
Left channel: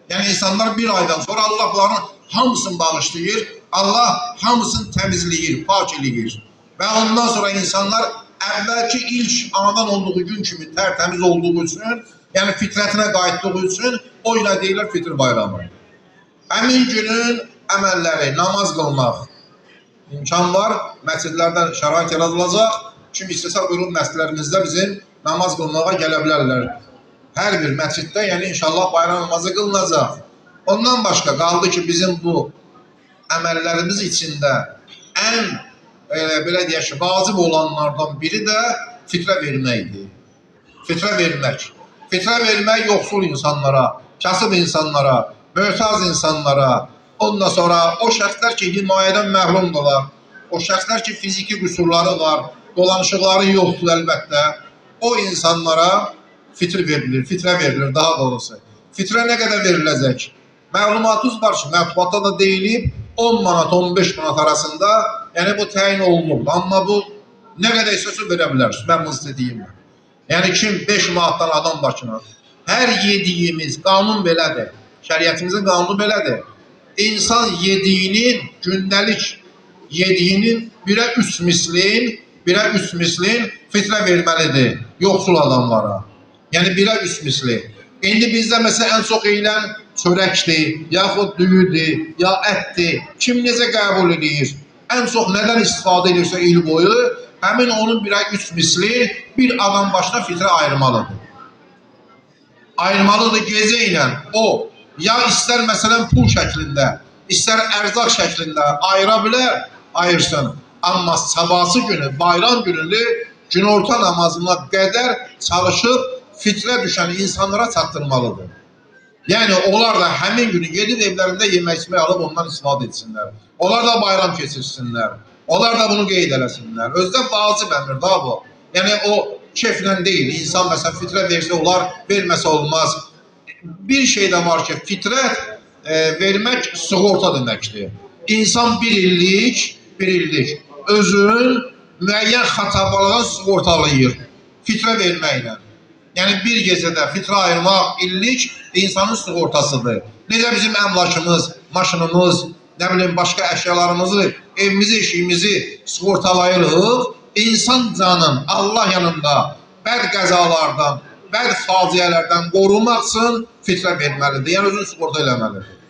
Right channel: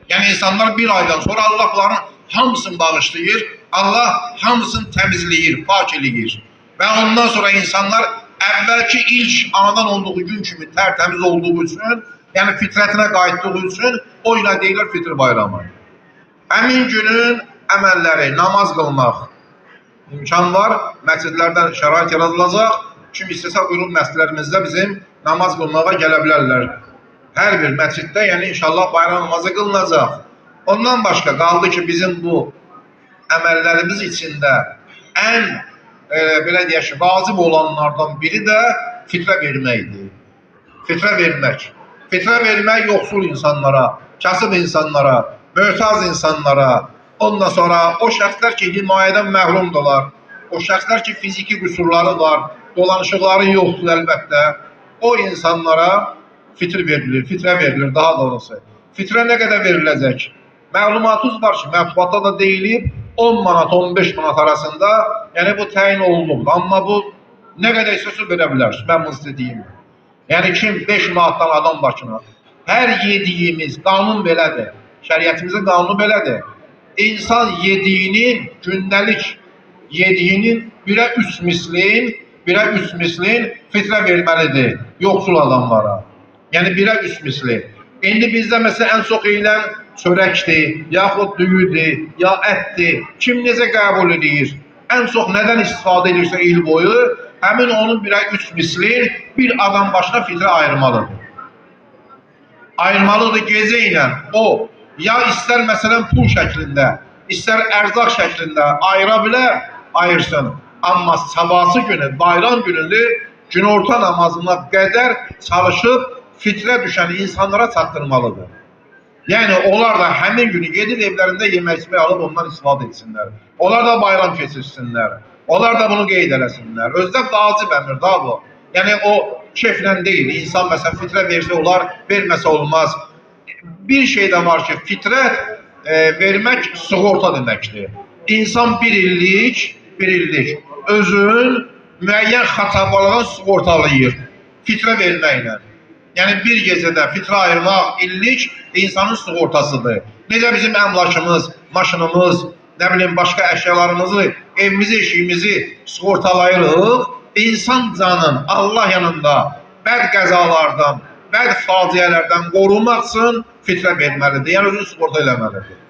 Yəni insanlar bir aydan sonra Allah bunların hamısını bağışlayır, Allah hamısını təmizləyir, pak eləyir. Və ondan sonra insanlar əvvəlki ilk anadan olduğu gün kimi tərtəmiz olduğu üçün, yəni fitrətinə qayıtdığı üçün o ilə deyirlər fitir bayramı. Həmin günün əməlləri, namaz qılmaq imkan var, məscidlərdən şərait yaradılacaq. Kim istəsə buyurub məscidlərimizdə bizim namaz qılmağa gələ bilərlər. Hər bir məsciddə, yəni inşallah bayram namazı qılınacaq. Ondan başqa qaldı ki, bizim bu əməllərimiz içində ən belə deyək ki, vacib olanlardan biri də fitrə verməkdir. Fitrə vermək. Fitrə vermək yoxsul insanlara, kasıb insanlara, möhtaz insanlara, ondan sonra o şəxslər ki, himayədən məhrumdurlar, o şəxslər ki, fiziki qüsurları var, dolanışıqları yoxdur əlbəttə, o insanlara fitr verilir, fitrə verilir daha doğrusu. Fitrə nə qədər veriləcək? Məlumatınız var ki, mətbuatda da deyilib, 10 manat, 15 manat arasında, yəni bu təyin olunubdur. Amma bu nə qədər istəsə verə bilər, mən bunu istədiyim. Yəni kim 5 manatdan adam başına, hər yediyimiz, qanun belədir, şəriətimizin qanunu belədir. İnsan yediyinin, gündəlik yediyinin birə 3 mislin fitrə verməlidir yoxsul adamlara. Yəni 1-ə 3 misli. İndi bizdə məsələn ən çox yeyilən çörəkdir, yaxud düyüdür, ya ətdir. Kim necə qəbul edir? Ən çox nədən istifadə edirsə il boyu, həmin onun 1-ə 3 misli bir adam başına fitrə ayırmalıdır. Ayırmalıdır gecə ilə. O, ya istər məsələn pul şəklində, istər ərzaq şəklində ayıra bilər, ayırsın. Amma sabahsı günü, bayram günündə günorta namazına qədər çalışıb fitrə düşən insanlara çatdırmalıdır. Yəni onlar da həmin günü gedib evlərində yemək içmək alıb ondan istifadə etsinlər. Onlar da bayram keçirsinlər. Onlar da bunu qeyd eləsinlər. Özdə vacib əmr da bu. Yəni o keyflə deyil. İnsan məsələn fitrə versə olar, verməsə olmaz. Bir şey də var ki, fitrət vermək sığorta deməkdir. İnsan bir illik özün müəyyən xatabalığını sığortalayır fitrə verməklə. Yəni bir gecədə fitrə ayırmaq illik insanın sığortasıdır. Necə bizim əmlakımız, maşınımız, nə bilim başqa əşyalarımızı, evimizi, eşiyimizi sığortalayırıq. İnsan canın Allah yanında bəd qəzalardan, bəd faciələrdən qorunmaq üçün fitrə verməlidir. Yəni özünü sığorta eləməlidir.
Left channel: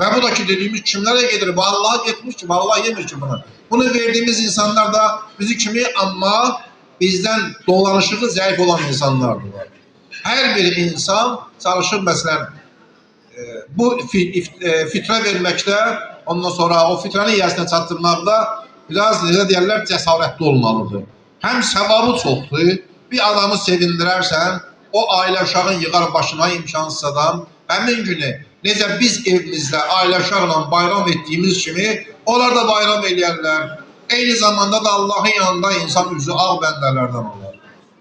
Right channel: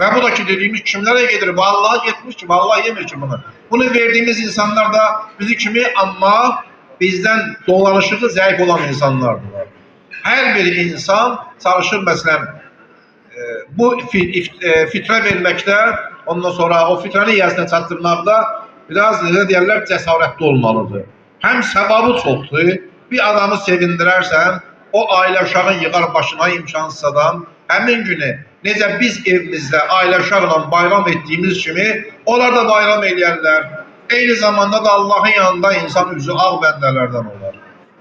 Və bu da ki dediyimiz kimlərə gedir? Vallahi getmiş ki, vallahi yemir ki bunu. Bunu verdiğimiz insanlar da bizi kimi amma bizdən dolanışığı zəif olan insanlardır. Hər bir insan çalışır məsələn bu fitrə verməkdə, ondan sonra o fitrəni yiyəsinə çatdırmaqda biraz necə deyərlər cəsarətli olmalıdır. Həm səvabı çoxdur, bir adamı sevindirərsən, o ailə uşağın yığar başına imkansızdan, həmin günü necə biz evimizdə ailə uşaqla bayram etdiyimiz kimi onlar da bayram eləyərlər. Eyni zamanda da Allahın yanında insan üzü ağ bəndələrdən olar.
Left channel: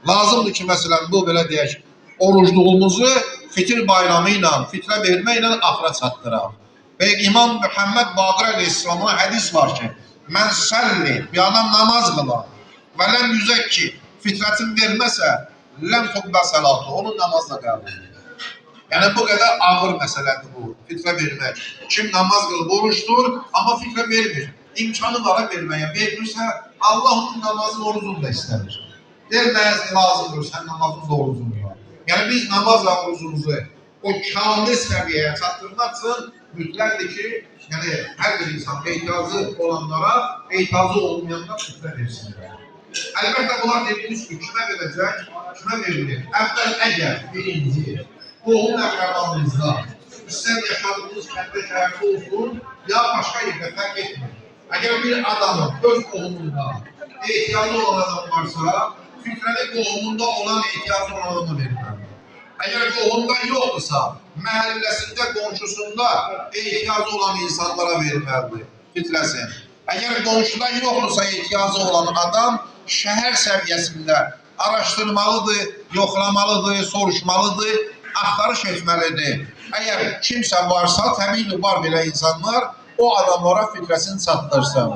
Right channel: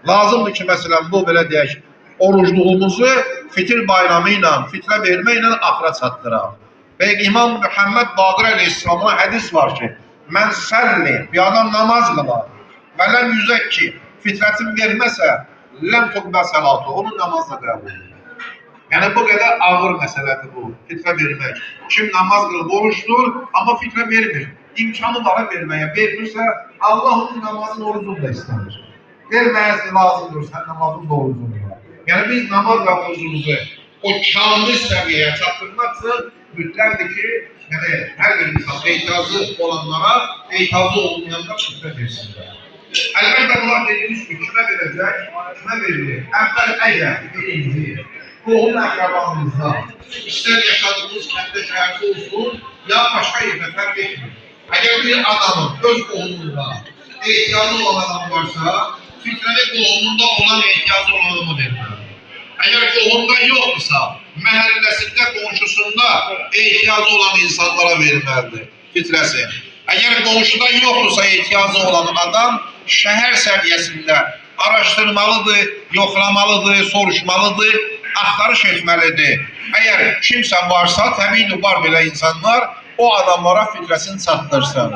Lazımdır ki, məsələn, bu belə deyək, orucluğumuzu fitir bayramı ilə, fitrə vermə ilə axıra çatdıraq. Və İmam Muhammed Baqir Əleyhisselam'a hədis var ki, mən səlli, bir adam namaz qılar və ləm yüzək ki, fitrətin verməsə, ləm tuqbə səlatı, onun namazla qəbul edir. Yəni, bu qədər ağır məsələdir bu, fitrə vermək. Kim namaz qılıb oruçdur, amma fitrə vermir. İmkanı var verməyə, vermirsə, Allah onun namazın orucunu da istəmir. Verməyəsi lazımdır, sən namazın orucunu var. Yəni, biz namaz və orucumuzu o kamil səviyyəyə çatdırmaq üçün mütləqdir ki, yəni, hər bir insan ehtiyacı olanlara, ehtiyacı olmayanlar fitrə versinlər. Əlbəttə, bunlar dediyimiz ki, kimə verəcək, kimə verilir? Əvvəl əgər birinci, qohum əqrəbamızda, istər yaşadığımız kəndə şəhərdə olsun, ya başqa yerdə fərq etmir. Əgər bir adamın öz qohumunda ehtiyacı olan adam varsa, fitrəni qohumunda olan ehtiyacı olan adama verməlidir. Əgər qohumda yoxdursa, məhəlləsində, qonşusunda ehtiyacı olan insanlara verməlidir fitrəsi. Əgər qonşuda yoxdursa ehtiyacı olan adam şəhər səviyyəsində araşdırmalıdır, yoxlamalıdır, soruşmalıdır, axtarış etməlidir. Əgər kimsə varsa, təbii var belə insanlar, o adamlara fitrəsini çatdırsın.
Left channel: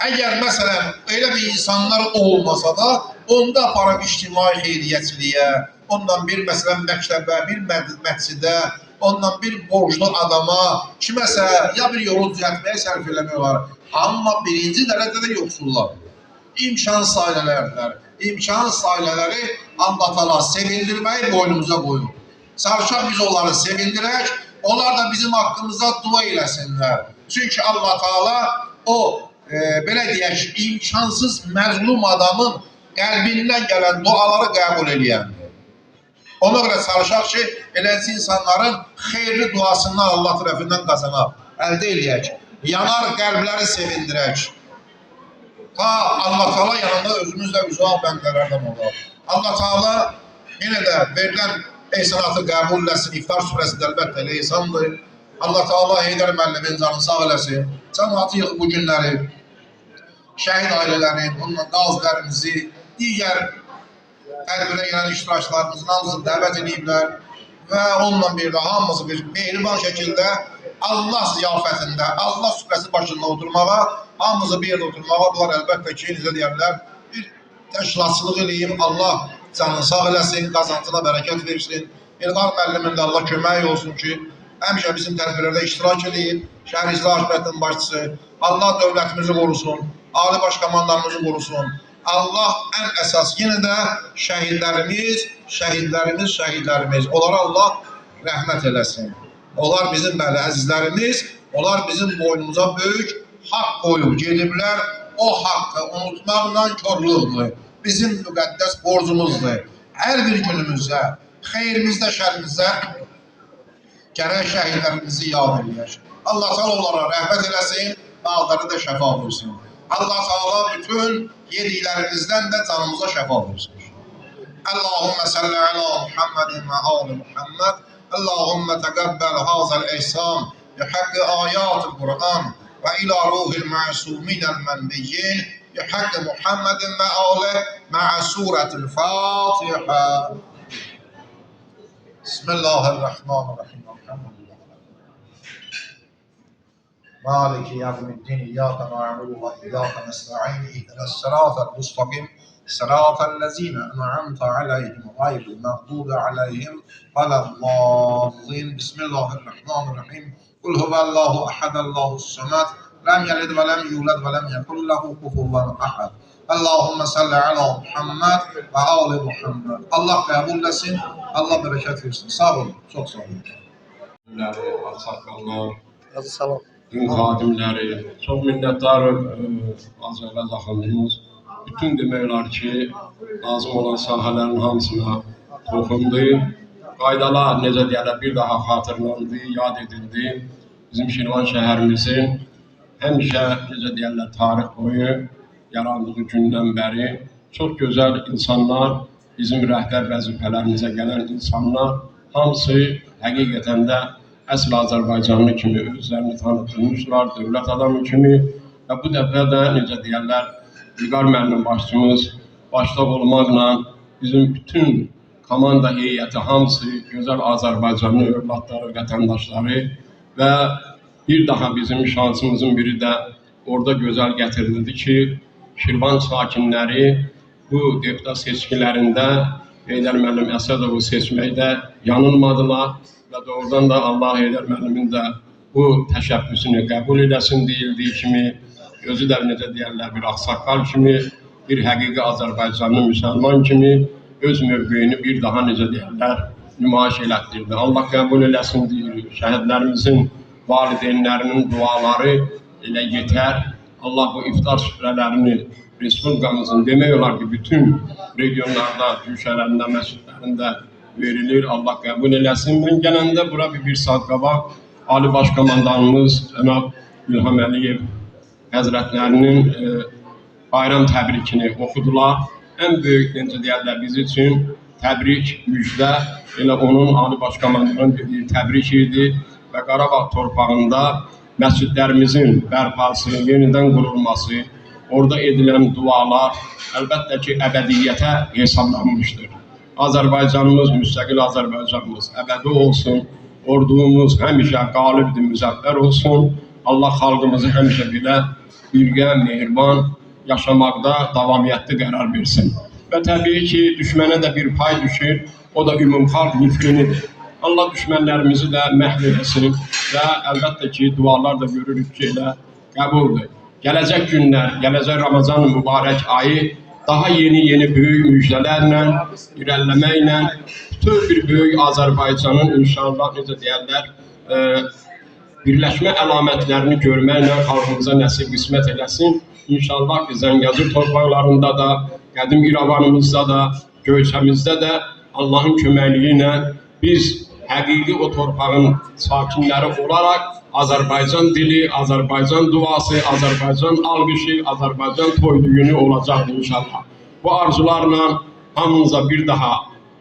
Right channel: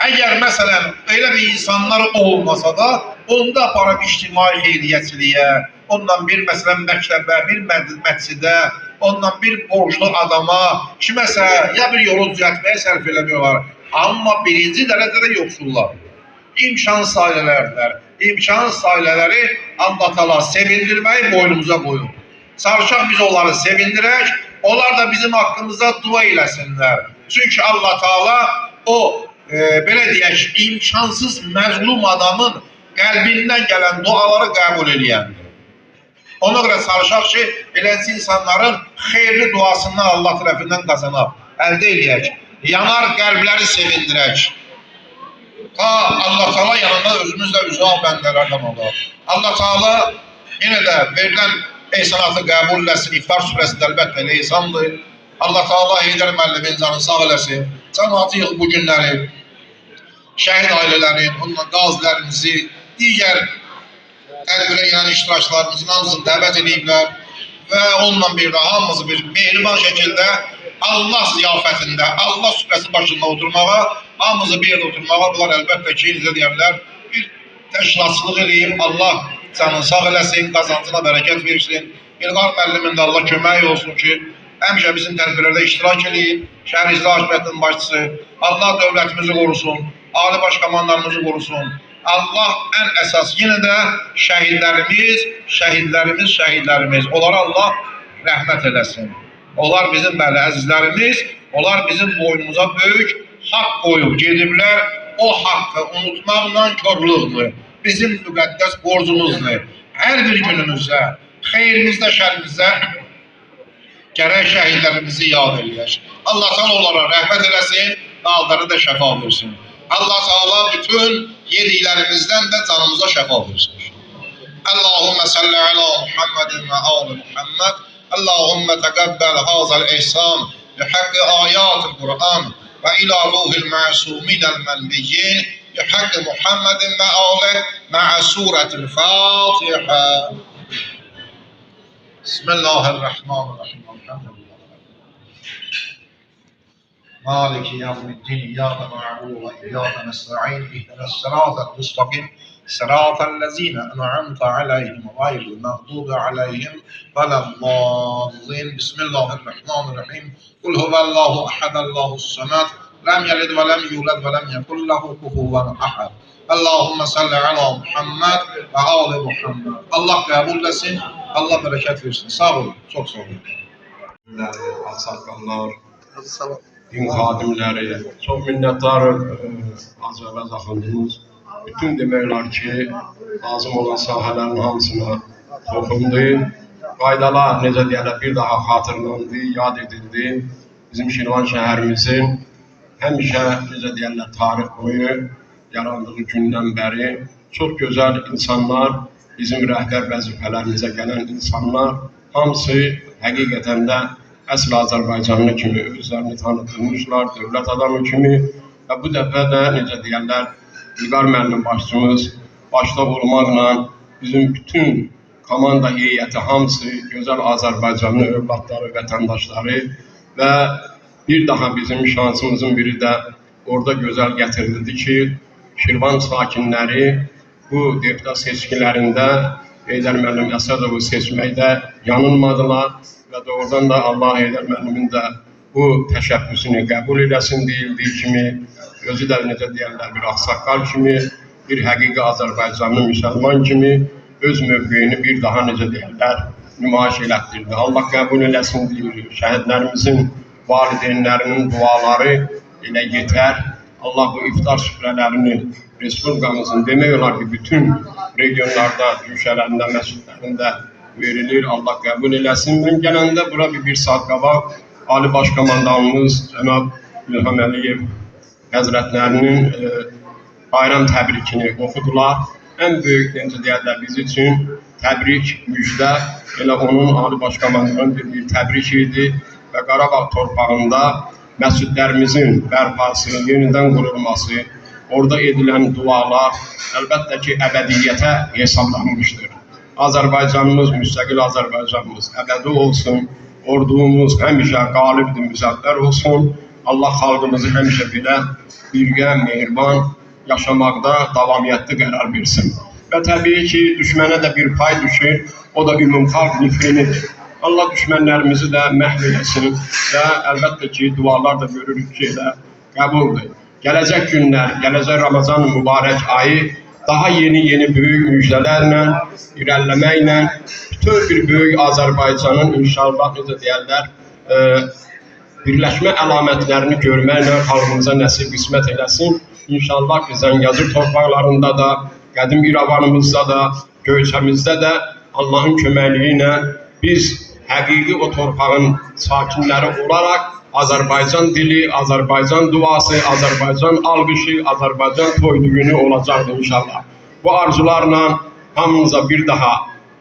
Əgər məsələn elə bir insanlar olmasa da, onda aparıb ictimai xeyriyyəçiliyə, ondan bir məsələn məktəbə, bir məscidə, ondan bir borclu adama, kiməsə ya bir yolu düzəltməyə sərf eləmiyorlar. Amma birinci dərəcədə yoxsullar. İmkansız ailələrdir. İmkansız ailələri Allah Teala sevindirməyi boynumuza qoyur. Çalışaq biz onları sevindirək, onlar da bizim haqqımızda dua eləsinlər. Çünki Allah Teala o belə deyək, imkansız məzlum adamın qəlbindən gələn duaları qəbul eləyəndir. Ona görə çalışaq ki, eləncə insanların xeyirli duasından Allah tərəfindən qazanaq, əldə eləyək, yanar qəlbləri sevindirək. Ta Allah Teala yanında özümüzlə üzal bəndələrdən olar. Allah Teala yenə də verilən ehsanatı qəbul eləsin, İftar surəsində əlbəttə elə ehsandır. Allah Teala Heydər müəllimin canını sağ eləsin. Cəmaatı yığıb bu günləri, şəhid ailələrin, onunla qazilərimizi, digər tədbirə gələn iştirakçılarımızın hamısını dəvət ediblər və onunla bir də hamımızı bir mehriban şəkildə Allah ziyafətində, Allah süfrəsi başında oturmağa, hamımızı bir yerdə oturmağa, bunlar əlbəttə ki, necə deyərlər, bir təşkilatçılıq eləyib, Allah canını sağ eləsin, qazancına bərəkət versin. İlqar müəllimin də Allah kömək olsun ki, həmişə bizim tədbirlərdə iştirak edib, şəhər icra hakimiyyətinin başçısı, Allah dövlətimizi qorusun, ali baş komandanımızı qorusun, Allah ən əsas yenə də şəhidlərimiz. Onlara Allah rəhmət eləsin. Onlar bizim bəli əzizlərimiz, onlar bizim boynumuza böyük haqq qoyub gediblər. O haqqı unutmaqla körlüqdür. Bizim müqəddəs borcumuzdur. Hər bir günümüzdə, xeyrimizdə, şərimizdə gərək şəhidlərimizi yad eləyək. Allah Teala onlara rəhmət eləsin, dağları da şəfa versin. Allah Teala bütün yediklərimizdən də canımıza şəfa versin. Allahümme salli ala Muhammedin ve ali Muhammed. Allahümme teqabbel hazal ihsan bi haqqi ayatil Kur'an ve ila ruhil ma'suminel menbiyyin bi haqqi Muhammedin ve ali ma'a suretil Fatiha. Bismillahirrahmanirrahim. مالك يوم الدين إياك نعبد وإياك نستعين اهدنا الصراط المستقيم صراط الذين أنعمت عليهم غير المغضوب عليهم ولا الضالين بسم الله الرحمن الرحيم قل هو الله أحد الله الصمد لم يلد ولم يولد ولم يكن له كفوا أحد اللهم صل على محمد ve ali Muhammed. Allah kabul etsin, Allah bereket versin. Sağ olun, çok sağ olun. Sakallar, din xadimləri, çox minnətdarım Azərbaycan xanımımız. Bütün demək olar ki, lazım olan sahələrin hamısına toxundu. Qaydalar, necə deyərlər, bir daha xatırlandı, yad edildi. Bizim Şirvan şəhərimizin həmişə, necə deyərlər, tarix boyu yarandığı gündən bəri çox gözəl insanlar, bizim rəhbər vəzifələrimizə gələn insanlar, hamısı həqiqətən də əsl Azərbaycanlı kimi özlərini tanıtılmışlar, dövlət adamı kimi və bu dəfə də, necə deyərlər, İlqar müəllim başçımız başda olmaqla bizim bütün komanda heyəti hamısı gözəl Azərbaycanlı övladları, vətəndaşları və bir daha bizim şansımızın biri də orada gözəl gətirildi ki, Şirvan sakinləri bu deputat seçkilərində Heydər müəllim Əsədovu seçməkdə yanılmadılar və doğrudan da Allah Heydər müəllimin də bu təşəbbüsünü qəbul eləsin deyildiyi kimi, özü də necə deyərlər, bir ağsaqqal kimi, bir həqiqi Azərbaycanlı müsəlman kimi öz mövqeyini bir daha necə deyərlər, nümayiş elətdirdi. Allah qəbul eləsin deyirik. Şəhidlərimizin, valideynlərinin duaları elə yetər. Allah bu iftar süfrələrini Respublikamızın demək olar ki, bütün regionlarda, güşələrində, məscidlərində verilir. Allah qəbul eləsin. Mən gələndə bura bir saat qabaq Ali Başkomandanımız Cənab İlham Əliyev Həzrətlərinin bayram təbrikini oxudular. Ən böyük, necə deyərlər, biz üçün təbrik, müjdə, elə onun Ali Başkomandanın dediyi təbrik idi və Qarabağ torpağında məscidlərimizin bərpası, yenidən qurulması, orada edilən dualar əlbəttə ki, əbədiyyətə hesablanmışdır. Azərbaycanımız, müstəqil Azərbaycanımız əbədi olsun, ordumuz həmişə qalibdir, müzəffər olsun. Allah xalqımızı həmişə belə birgə, mehriban yaşamaqda davamiyyətli qərar versin. Və təbii ki, düşmənə də bir pay düşür, o da ümumxalq nifrinidir. Allah düşmənlərimizi də məhv eləsin və əlbəttə ki, dualar da görürük ki, elə qəbuldur. Gələcək günlər, gələcək Ramazan mübarək ayı daha yeni böyük müjdələrlə, irəliləməklə bütün bir böyük Azərbaycanın inşallah, necə deyərlər, birləşmə əlamətlərini görməklə xalqımıza nəsib qismət eləsin. İnşallah ki, Zəngəzur torpaqlarında da, qədim İrəvanımızda da, Göyçəmizdə də Allahın köməkliyi ilə biz həqiqi o torpağın sakinləri olaraq Azərbaycan dili, Azərbaycan duası, Azərbaycan alqışı, Azərbaycan toyluğunu olacaqdır inşallah. Bu arzularla hamımıza bir daha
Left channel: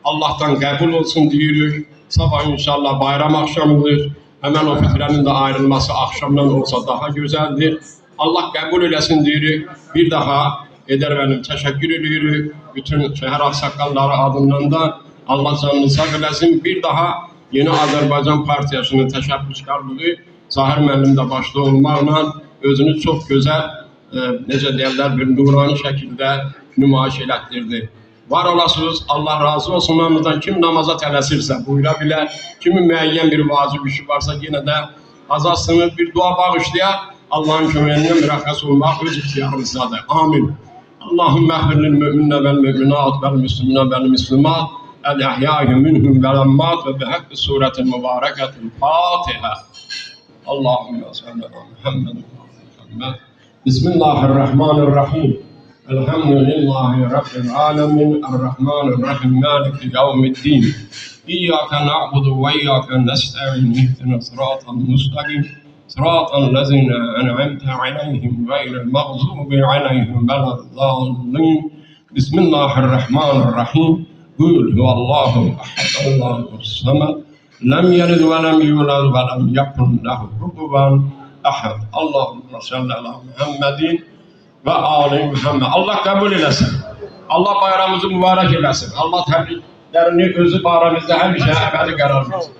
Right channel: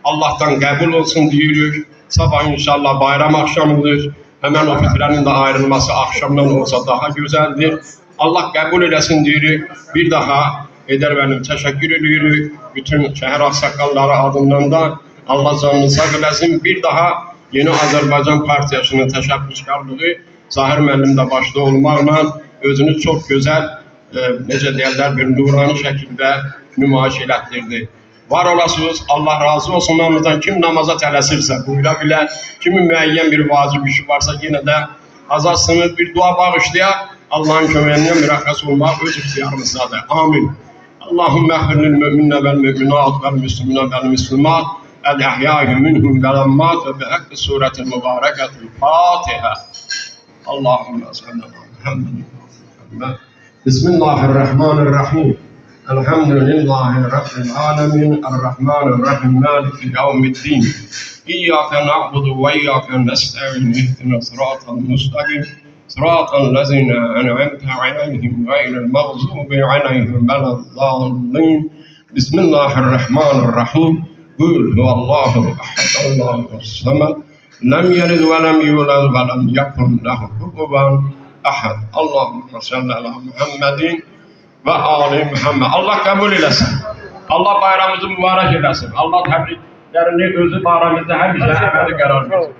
Allah'tan qəbul olsun deyirik. Sabah inşallah bayram axşamıdır. Həmən o fitrənin də ayrılması axşamdan olsa daha gözəldir. Allah qəbul eləsin deyirik. Bir daha Heydər müəllim təşəkkür edirik. Bütün şəhər ağsaqqalları adından da Allah canını sağ eləsin. Bir daha Yeni Azərbaycan Partiyasının təşəbbüskarlığı Zahir müəllim də başda olmaqla özünü çox gözəl, necə deyərlər, bir nurani şəkildə nümayiş elətdirdi. Var olasınız, Allah razı olsun hamımızdan. Kim namaza tələsirsə buyura bilər, kimin müəyyən bir vacib işi varsa yenə də azalsınız, bir dua bağışlayaq. Allahın köməyinə mürəxxəs olmaq öz ixtiyarımızdadır. Amin. اللهم اغفر للمؤمنين والمؤمنات والمسلمين والمسلمات الأحياء منهم والأموات وبحق السورة المباركة الفاتحة. اللهم صل على محمد. بسم الله الرحمن الرحيم. الحمد لله رب العالمين الرحمن الرحيم مالك يوم الدين. إياك نعبد وإياك نستعين اهدنا الصراط المستقيم صراط الذين أنعمت عليهم غير المغضوب عليهم ولا الضالين. بسم الله الرحمن الرحيم. قل هو الله أحد الله الصمد لم يلد ولم يولد ولم يكن له كفوا أحد. اللهم صل على محمد ve Ali Muhammed. Allah kabul eylesin. Allah bayramımızı mübarek eylesin. Allah tebriklerini özü bayramımızda hemşe ebedi karar versin.